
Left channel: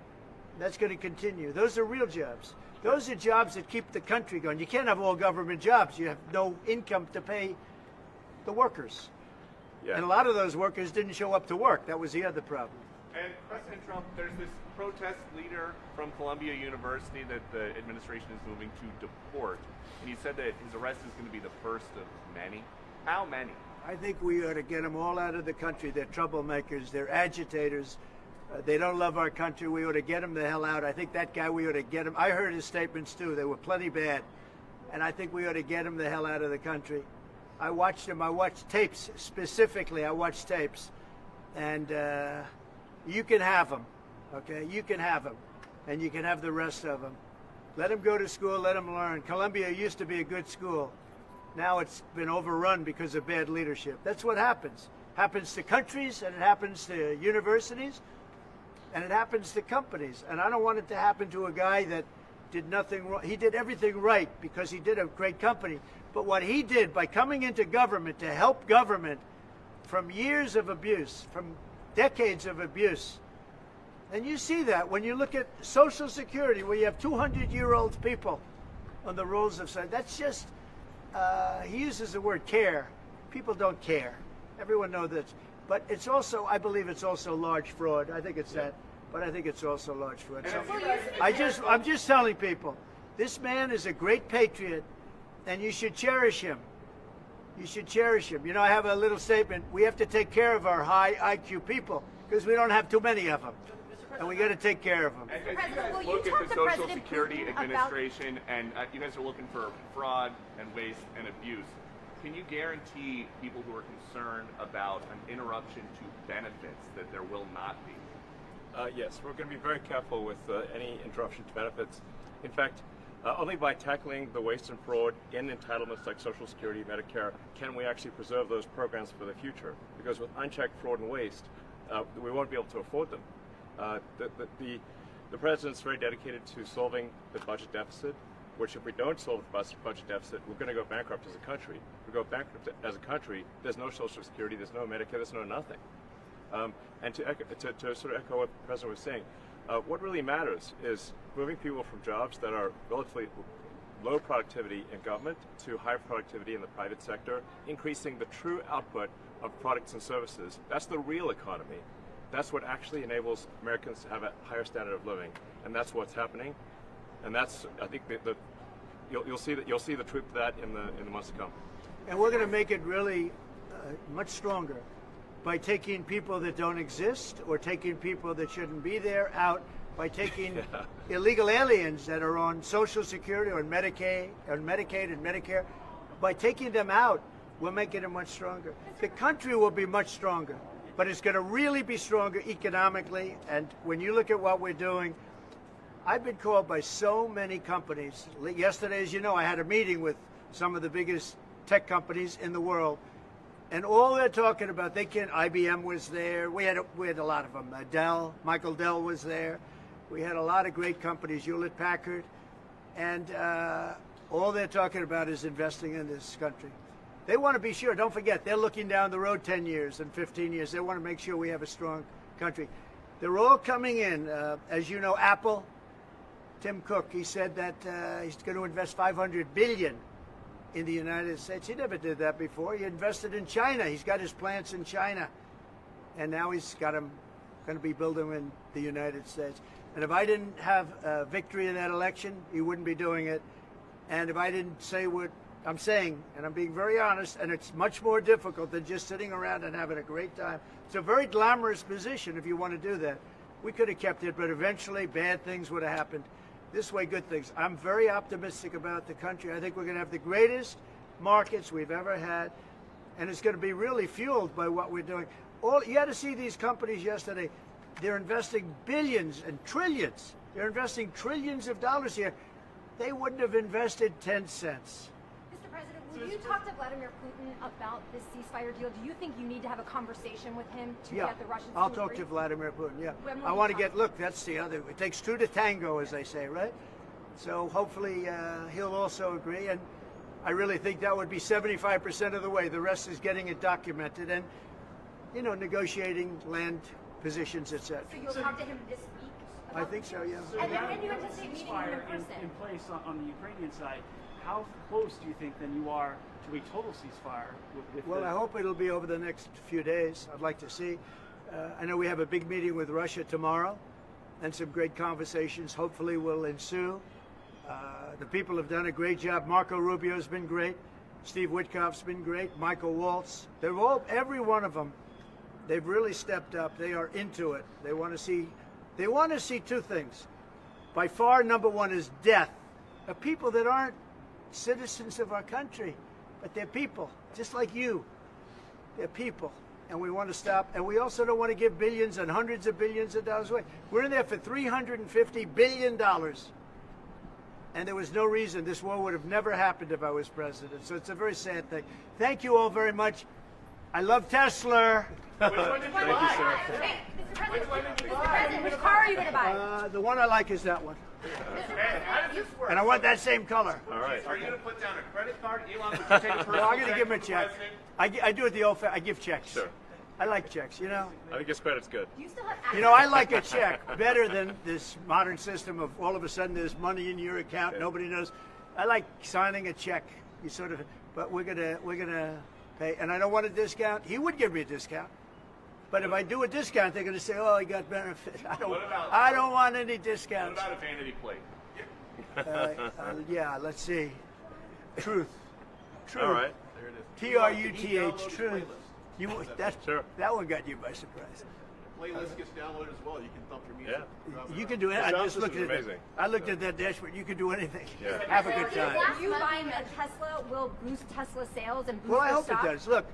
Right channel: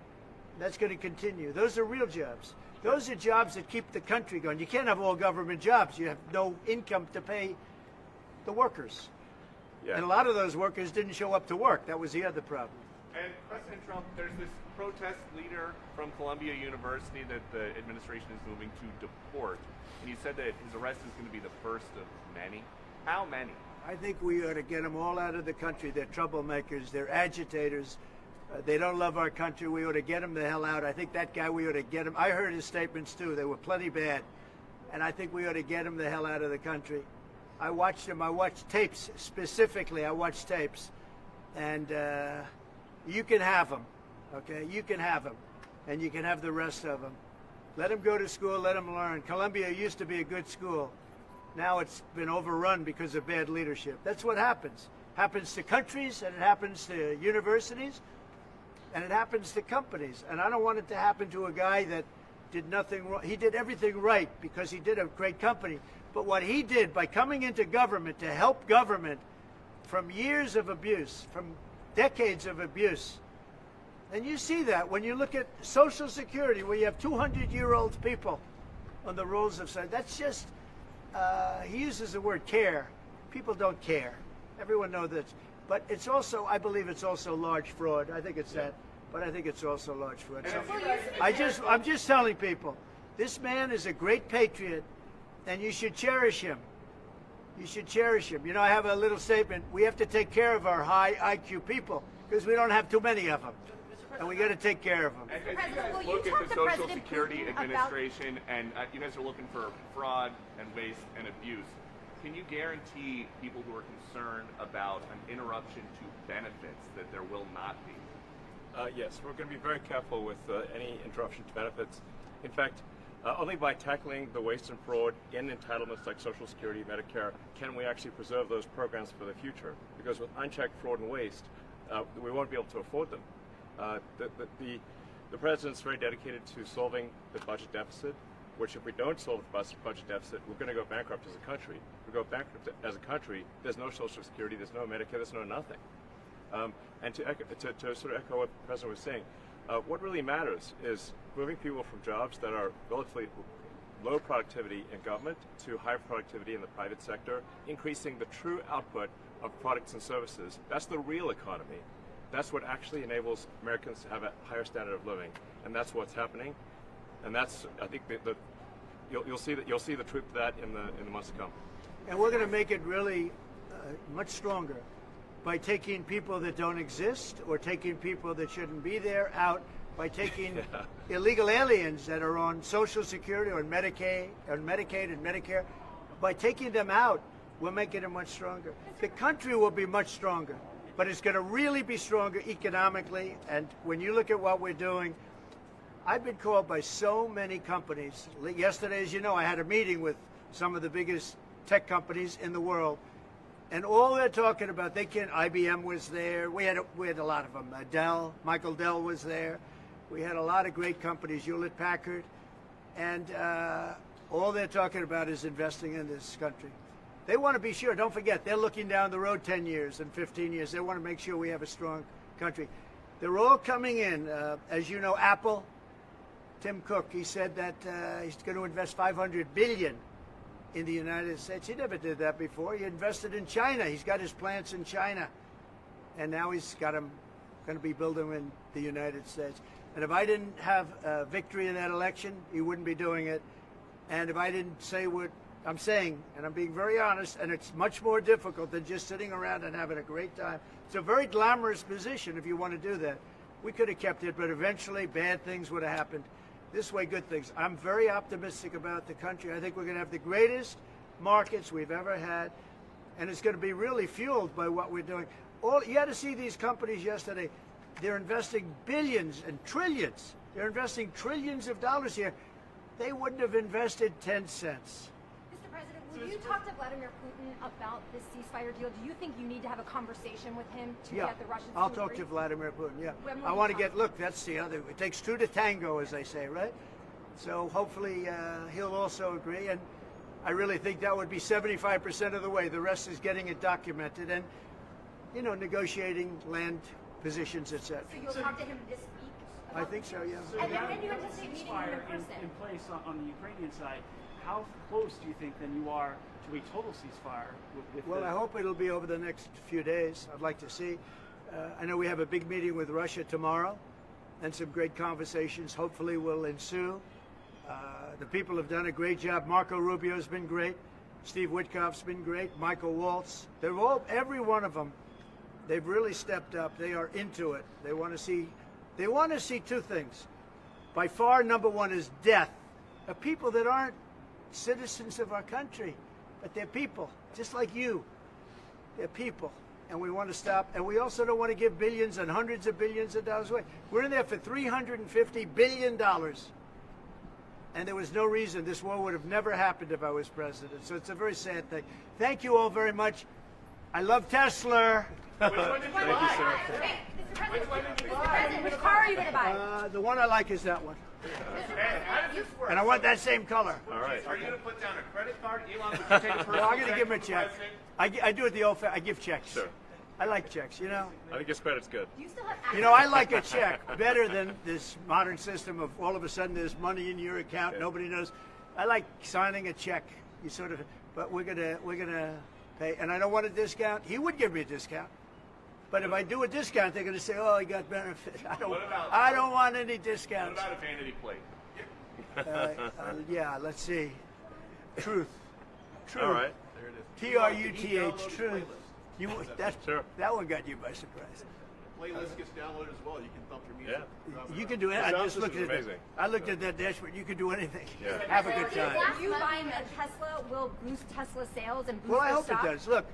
That's going to continue. Those are real jobs. Those are jobs that keep the country going. You can't have all government jobs. You have no income to pay the workers. Yeah. And a lot of those workers didn't show up to work. That was the other problem. And President Trump, there's this protest leader from Columbia University that the administration is moving to deport. And he said that his arrest is going to be the first of many. How many? I think we ought to get them all out of the country. They're troublemakers. They're agitators. They don't love our country. We ought to get them the hell out. I think that guy, we ought to get him. I heard his statements, too. They were plenty bad. And I think we ought to get him the hell out of the country. I watched him. I watched tapes. Specifically, I watched tapes. And you can have them, okay? You can have them. And you can have the rest of them. Let them go to school. Let them learn. Columbia used to be a good school. Now it's been overrun because of bad leadership. That's what happens. Happens to countries, and it happens to universities, and it happens to companies. And I don't want it to happen to a guy that did nothing wrong. He did everything right because he did a great company. But what he did by coming into government to help government from years of abuse, from decades of abuse, and you see that when you look at Social Security, where you have 200-year-old people on the rolls of society. That's just, he uses the word care. People don't care. Everyone knows that. But it's also, I believe it's also large fraud. I think it's that. But I think it's also large fraud. So I'm just telling people, this man is a great patriot, and you should cherish him. You should cherish them. You know, I have a little statement. We have to take care of our high IQ people because we don't have too many of them. And we got to take care of them. As you guys look at the Social Security Administration and you guys are looking for fraud and waste and abuse, can you guarantee people who are concerned about an interruption to benefits that there will not be? Yes, we're going to be very careful with any interruption to benefits. In fact, only by tackling the waste and fraud in entitlements like Social Security, Medicare, can we actually preserve those programs for the future. Because with unchecked fraud and waste, we won't be able to afford them. The President's very dedicated to solving the budget deficit, which if we don't solve the budget deficit, we're going to go bankrupt as a country. If we go bankrupt as a country, there's no Social Security, there's no Medicare, there's no nothing. And to sort of echo what the President was saying, what really matters is moving people from jobs that are relatively low productivity in government to high productivity in the private sector, increasing the true output of products and services. That's the real economy. That's what actually enables Americans to have a higher standard of living, and that's what's happening. And that's, I think, you'll see the truth of that in the months to come. And we're going to make it really much stronger by taking people that don't exist or taking people that shouldn't be there out, by taking illegal aliens that are on Social Security or Medicaid and Medicare. By taking them out, we're making it much stronger. The country will be much stronger, but it's going to really be stronger economically. And when you look at what we're doing, I've been called by so many companies. Yesterday, as you know, I had a meeting with some of the biggest tech companies in the world. And all they're talking about, IBM was there. We had a lot of them. Michael Dell was there. We had a lot of great companies, Hewlett Packard. And all they're talking about is investing in this country. They want to be sure. Don't forget, they're looking down the road 10 years and 15 years. They want to make sure we have a strong country. They're all coming in. As you know, Apple, Tim Cook, he said that he's going to invest $500 billion in the United States. He never did that before. He invested in China. He's got his plants in China. And now he's got them going to be building in the United States. And if I didn't have victory in that election, he wouldn't be doing it. And if I didn't say what I'm saying, and I'm being very honest, and it's much more difficult than just sitting around and having a great time. It's a very glamorous position if you want to do that. We could have kept it, but eventually bad things would have happened. This way, good things. I'm very optimistic about the country. I think we're going to have the greatest markets we've ever had, and it's going to be really fueled by what we're doing. You had to see these companies yesterday. They're investing billions and trillions. They're investing trillions of dollars here. They wouldn't have invested 10 cents. Mr. President, will you talk to Vladimir Putin about this ceasefire deal? Do you think you need to have a conversation with him to get the Russians to I'll agree? talk to Vladimir Putin, yeah. I want to look, that's the other, it takes two to tango, as they say, right? So hopefully he'll also agree, and I really think that would be 75% of the way. The rest is getting it documented and, you know, negotiating land positions, etc. So you'll talk to him this week? I think so, yeah. So And then now when you that have the to take ceasefire meeting in in place on the Ukrainian side, how close do you think then you are to a total ceasefire? Well, I hope it'll be over the next few days. I'd like to see. I know we have a big meeting with Russia tomorrow, and some great conversations hopefully will ensue. The people have done a great job. Marco Rubio's been great. Steve Witkoff's been great. Michael Waltz. Every one of them, they've really stepped up. They are into it. They want to see two things. By far, number one is death of people that aren't citizens of our country, but they're people, just like you. They're people, and we want to stop. And we also don't want to give billions and hundreds of billions of dollars away. We're in there for $350 billion, and there was no reason this war would have never happened if I was president. So it's a very sad thing. Thank you all very much. I love Tesla. Which car are you going to buy? The one I like is that one. And I want that same color. All right. Are you going to put down a credit card? Elon, would you take a No, I'm going to give him a check. I do it the old I give checks. Sure. I like checks, you know. I think his credit's good. Do you still have You know, I like a check better than this modern system of all of a sudden there's money in your account, nobody knows. I like signing a check. You sort of, but we're gonna pay, and I don't want a discount. He would give me a discount, but if I do a discount, they're gonna say, "Oh, I got benefits." I don't want any discounts. What about a vanity plate? Yeah, let's see. Truth. All right. TRUTH, truth. That one got you by surprise. Playlist gets downloaded as well. You can thump your music. Yeah. You can do it. I sound just looked at system's it. amazing. I looked at that dashboard. You can do anything. Yeah. Have a good time. You buying a Tesla will boost Tesla sales and boost Well, I their hope stock? it does. Look.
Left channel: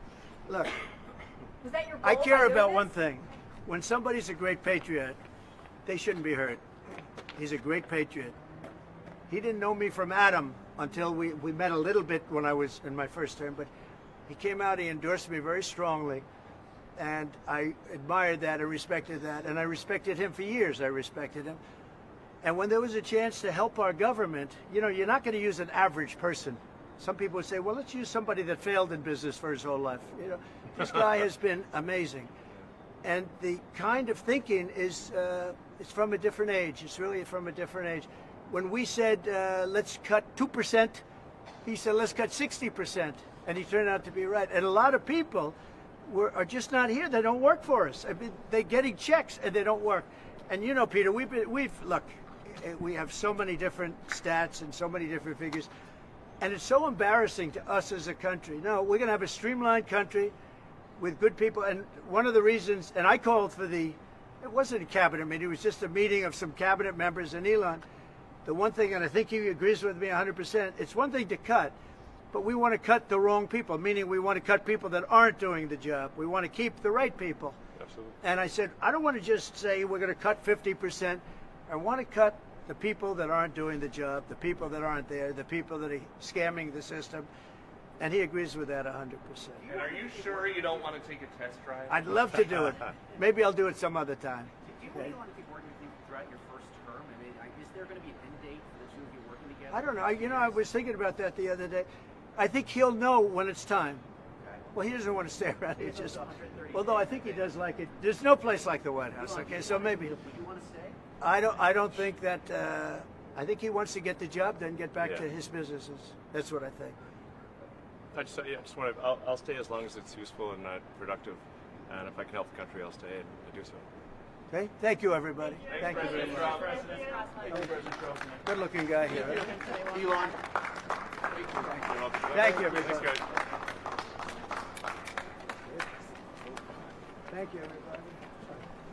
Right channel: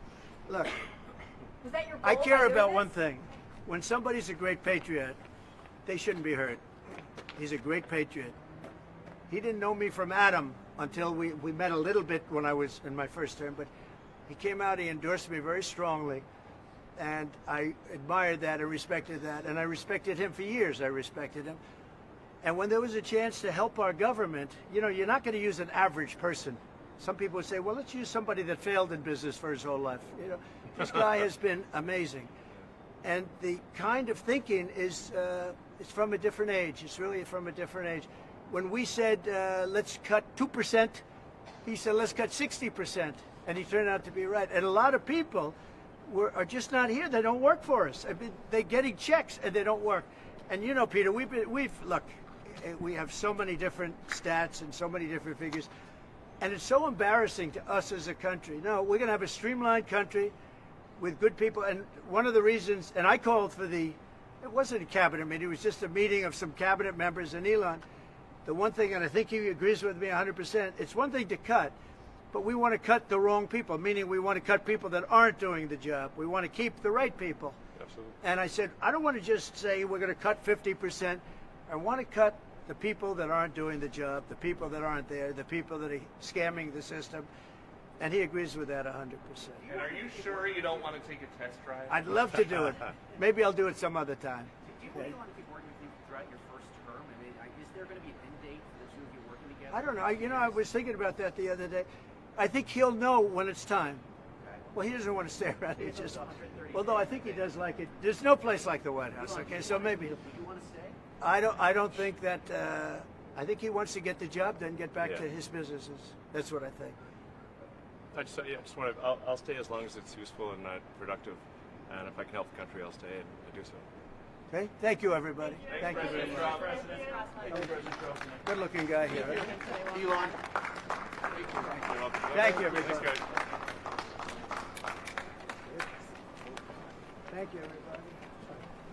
Was that your goal I by care doing about this? one thing. When somebody's a great patriot, they shouldn't be hurt. He's a great patriot. He didn't know me from Adam until we met a little bit when I was in my first term, but he came out, he endorsed me very strongly, and I admired that and respected that, and I respected him for years. I respected him. And when there was a chance to help our government, you know, you're not going to use an average person. Some people would say, well, let's use somebody that failed in business for his whole life. You know, this guy has been amazing. And the kind of thinking is it's from a different age. It's really from a different age. When we said, let's cut 2%, he said, let's cut 60%. And he turned out to be right. And a lot of people are just not here. They don't work for us. I mean, they're getting checks and they don't work. And you know, Peter, look, we have so many different stats and so many different figures. And it's so embarrassing to us as a country. No, we're going to have a streamlined country with good people. And one of the reasons, and I called for it wasn't a cabinet meeting, it was just a meeting of some cabinet members in Elon. The one thing, and I think he agrees with me 100%, it's one thing to cut, but we want to cut the wrong people, meaning we want to cut people that aren't doing the job. We want to keep the right people. Absolutely. And I said, I don't want to just say we're going to cut 50%. I want to cut the people that aren't doing the job, the people that aren't there, the people that are scamming the system. And he agrees with that 100%. And are you sure you don't want to take a test drive? I'd love to do it. Maybe I'll do it some other time. Do you really want to keep working throughout your first term? I mean, is there going to be an end date for the two of you working together? I don't know. You know, I was thinking about that the other day. I think he'll know when it's time. Well, he doesn't want to stay around. He's just, although I think he does like it. There's no place like the White House. Okay, so maybe. Do you want to stay? I don't think that. I think he wants to get the job done, get back to his businesses. That's what I think. I just wanted. I'll stay as long as it's useful and productive, and if I can help the country, I'll stay and do so. Okay. Thank you, everybody. Thank you very much. Good-looking guy here. Right? Elon. Thank you, Thanks, everybody. guys. Thank you, everybody.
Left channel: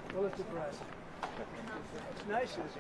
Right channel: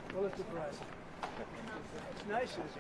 Pulitzer Prize. It's nice, isn't it?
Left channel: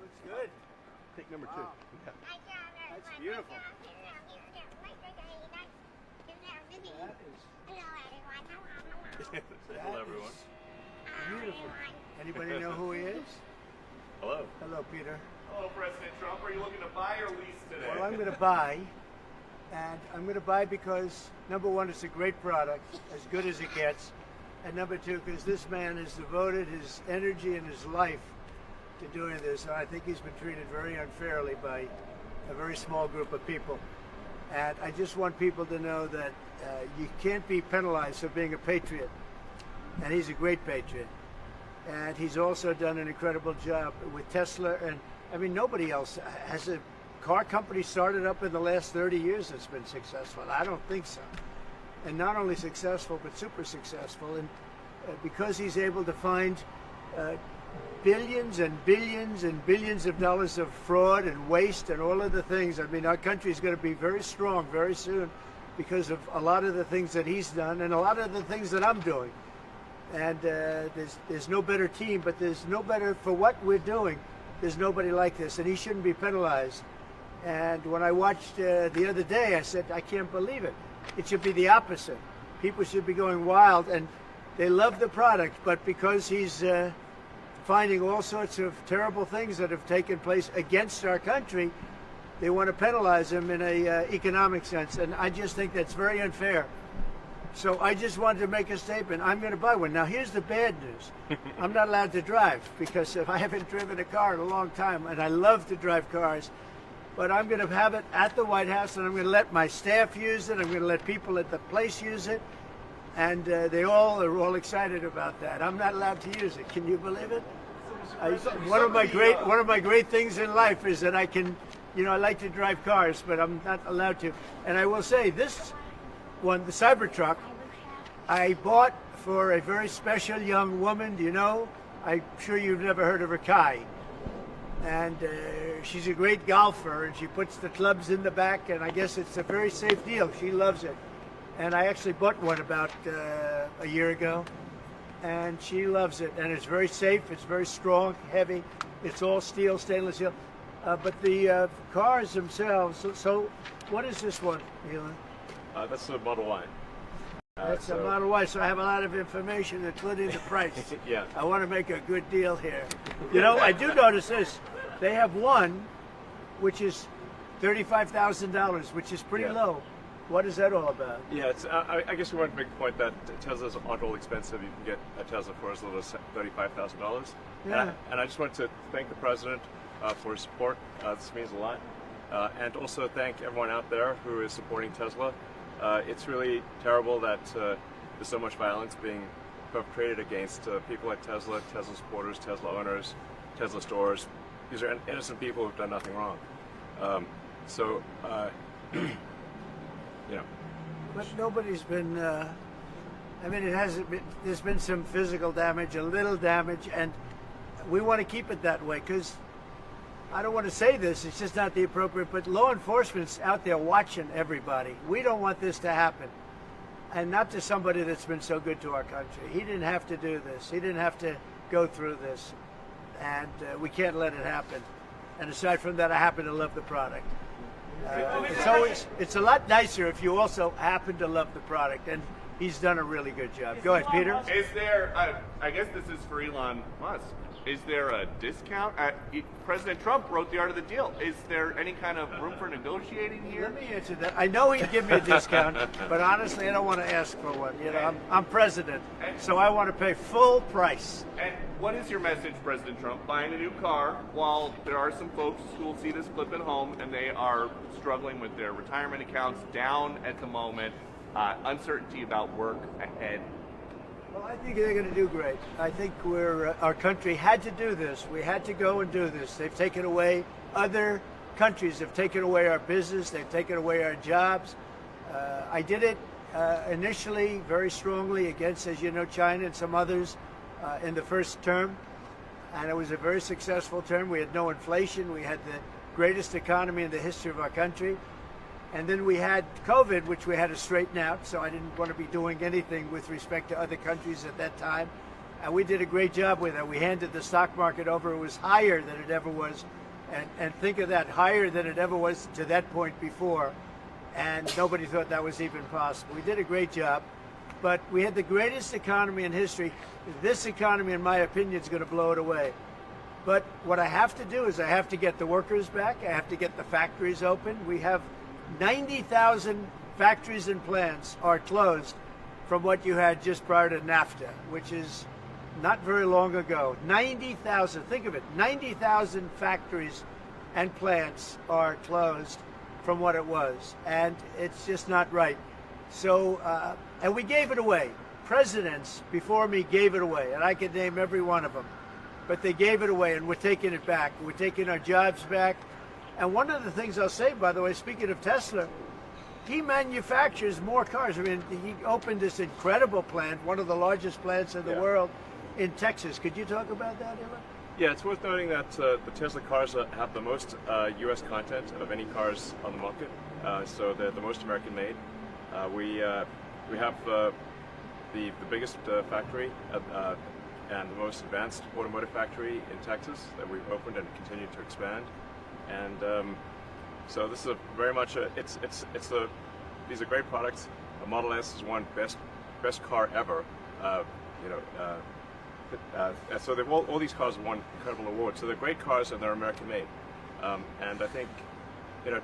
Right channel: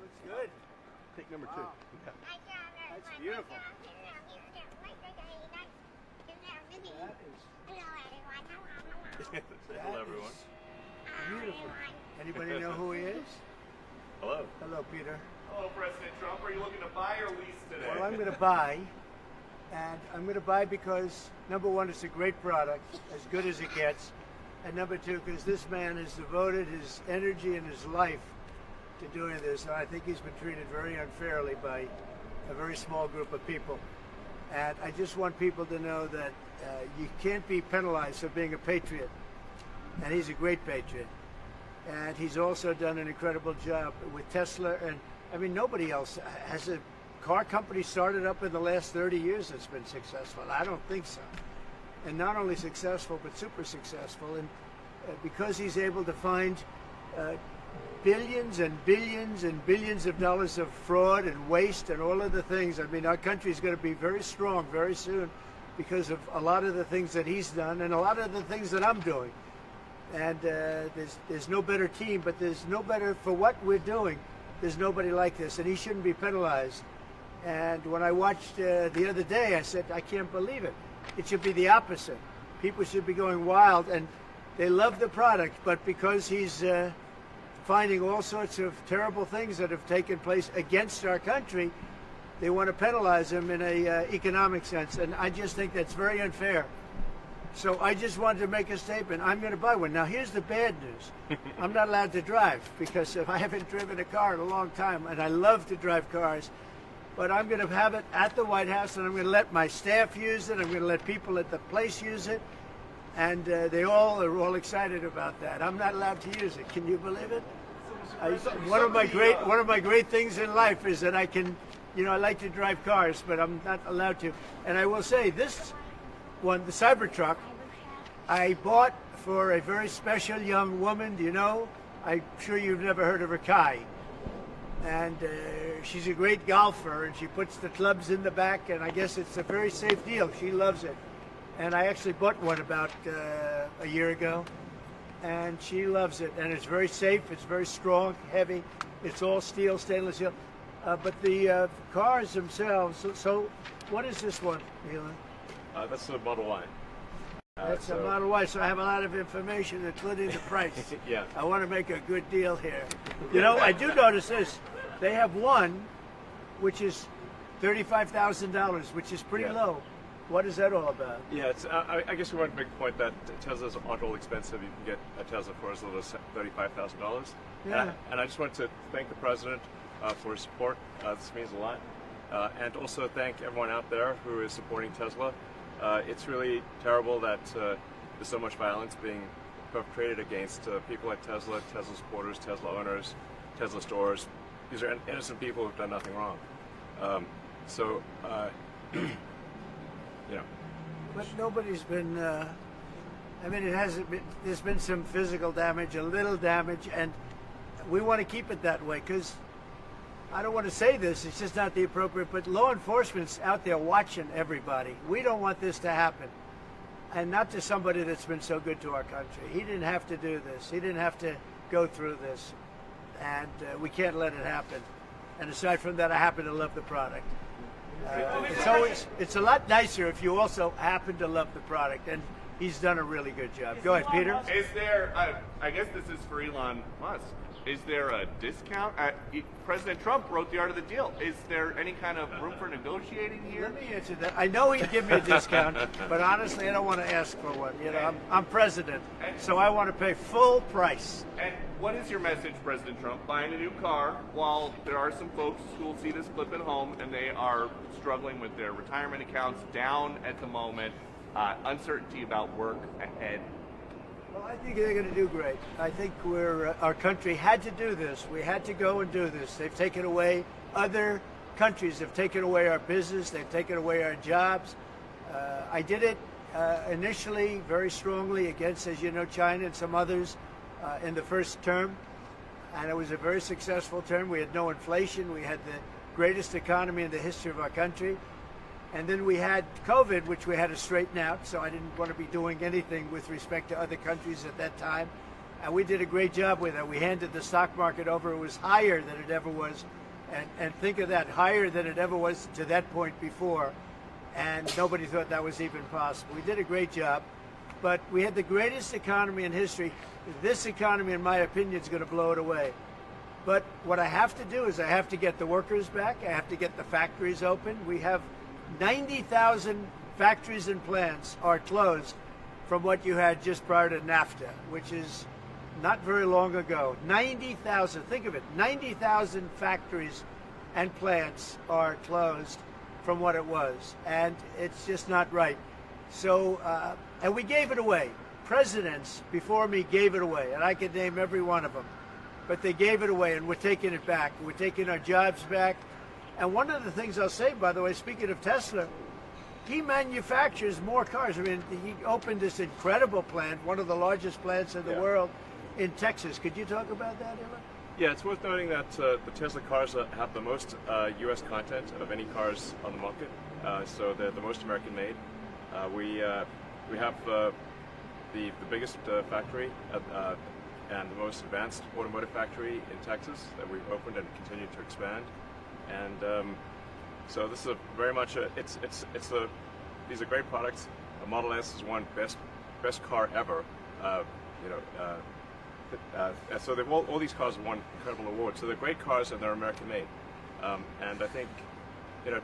Looks good. Pick number 2. Wow. That's beautiful. Hello, everyone. Beautiful. Anybody know who he is? Hello. Hello, Peter. Hello, President Trump. Are you looking to buy or lease today? Well, I'm going to buy, and I'm going to buy because, number one, it's a great product, as good as it gets, and number two, because this man has devoted his energy and his life to doing this, and I think he's been treated very unfairly by a very small group of people. And I just want people to know that you can't be penalized for being a patriot, and he's a great patriot. And he's also done an incredible job with Tesla, and I mean, nobody else has a car company started up in the last 30 years that's been successful. I don't think so. And not only successful, but super successful. And because he's able to find billions and billions and billions of dollars of fraud and waste and all of the things, I mean, our country is going to be very strong very soon because of a lot of the things that he's done and a lot of the things that I'm doing. And there's no better team, but there's no better for what we're doing. There's nobody like this, and he shouldn't be penalized. And when I watched the other day, I said, I can't believe it. It should be the opposite. People should be going wild, and they love the product, but because he's finding all sorts of terrible things that have taken place against our country, they want to penalize him in an economic sense. And I just think that's very unfair. So I just wanted to make a statement. I'm going to buy one. Now, here's the bad news. I'm not allowed to drive because I haven't driven a car in a long time, and I love to drive cars. But I'm going to have it at the White House, and I'm going to let my staff use it. I'm going to let people at the place use it, and they all are all excited about that. I'm not allowed to use it. Can you believe it? One of my great things in life is that I can, you know, I like to drive cars, but I'm not allowed to. And I will say this one, the Cybertruck, I bought for a very special young woman. Do you know? I'm sure you've never heard of her, Kai. And she's a great golfer, and she puts the clubs in the back, and I guess it's a very safe deal. She loves it. And I actually bought one about a year ago, and she loves it. And it's very safe, it's very strong, heavy, it's all steel, stainless steel. But the cars themselves, so what is this one, Elon? That's the Model Y. That's a Model Y, so I have a lot of information, including the price. Yeah. I want to make a good deal here. You know, I do notice this. They have one, which is $35,000, which is pretty low. What is that all about? Yeah, it's, I guess you want to make the point that Teslas aren't all expensive. You can get a Tesla for as little as $35,000. Yeah. And I just want to thank the President for his support. This means a lot. And also thank everyone out there who is supporting Tesla. It's really terrible that there's so much violence being perpetrated against people like Tesla, Tesla supporters, Tesla owners, Tesla stores. These are innocent people who've done nothing wrong. Yeah. But nobody's been, I mean, it hasn't been, there's been some physical damage, a little damage, and we want to keep it that way because I don't want to say this, it's just not the appropriate, but law enforcement's out there watching everybody. We don't want this to happen. And not to somebody that's been so good to our country. He didn't have to do this. He didn't have to go through this. And we can't let it happen. And aside from that, I happen to love the product. It's a lot nicer if you also happen to love the product. And he's done a really good job. Go ahead, Peter. Is there, I guess this is for Elon Musk, is there a discount? President Trump wrote the art of the deal. Is there any kind of room for negotiating here? Let me answer that. I know he'd give me a discount, but honestly, I don't want to ask for one. You know, I'm president, so I want to pay full price. And what is your message, President Trump? Buying a new car while there are some folks who will see this clip at home and they are struggling with their retirement accounts down at the moment, uncertainty about work ahead. Well, I think they're going to do great. I think our country had to do this. We had to go and do this. They've taken away, other countries have taken away our business. They've taken away our jobs. I did it initially very strongly against, as you know, China and some others in the first term. And it was a very successful term. We had no inflation. We had the greatest economy in the history of our country. And then we had COVID, which we had to straighten out, so I didn't want to be doing anything with respect to other countries at that time. And we did a great job with it. We handed the stock market over. It was higher than it ever was. And think of that, higher than it ever was to that point before. And nobody thought that was even possible. We did a great job. But we had the greatest economy in history. This economy, in my opinion, is going to blow it away. But what I have to do is I have to get the workers back. I have to get the factories open. We have 90,000 factories and plants are closed from what you had just prior to NAFTA, which is not very long ago. 90,000, think of it, 90,000 factories and plants are closed from what it was, and it's just not right. So, and we gave it away. Presidents before me gave it away, and I could name every one of them, but they gave it away, and we're taking it back. We're taking our jobs back. And one of the things I'll say, by the way, speaking of Tesla, he manufactures more cars. I mean, he opened this incredible plant, one of the largest plants in the world, in Texas. Could you talk about that, Ella? Yeah, it's worth noting that the Tesla cars have the most U.S. content of any cars on the market, so they're the most American-made. We have the biggest factory and the most advanced automotive factory in Texas that we've opened and continue to expand. And so this is very much these are great products. The Model S is one best car ever. So all these cars have won incredible awards. So they're great cars and they're American made. And I think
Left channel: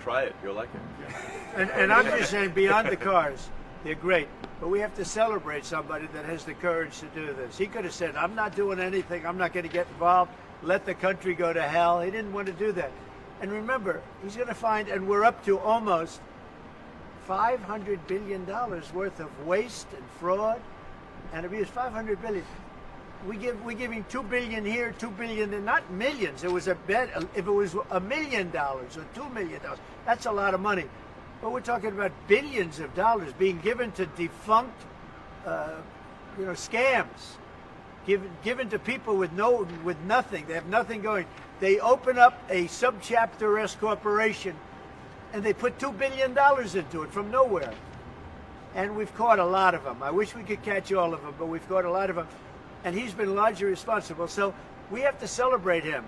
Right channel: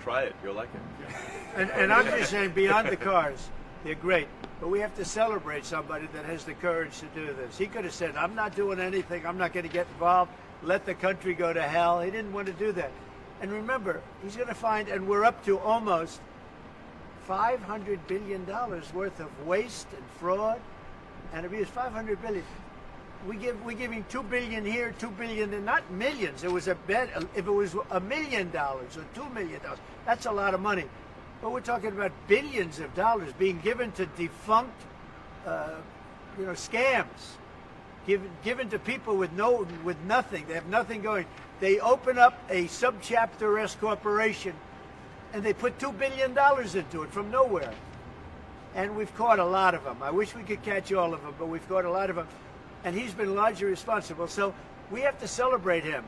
try it. You'll like it. And I'm just saying, beyond the cars, they're great. But we have to celebrate somebody that has the courage to do this. He could have said, I'm not doing anything, I'm not going to get involved, let the country go to hell. He didn't want to do that. And remember, he's going to find, and we're up to almost $500 billion worth of waste and fraud and abuse. $500 billion. We're giving $2 billion here, $2 billion there, not millions. It was a bet. If it was $1 million or $2 million, that's a lot of money. But we're talking about billions of dollars being given to defunct, scams, given to people with nothing. They have nothing going. They open up a subchapter S corporation, and they put $2 billion into it from nowhere. And we've caught a lot of them. I wish we could catch all of them, but we've caught a lot of them. And he's been largely responsible. So we have to celebrate him.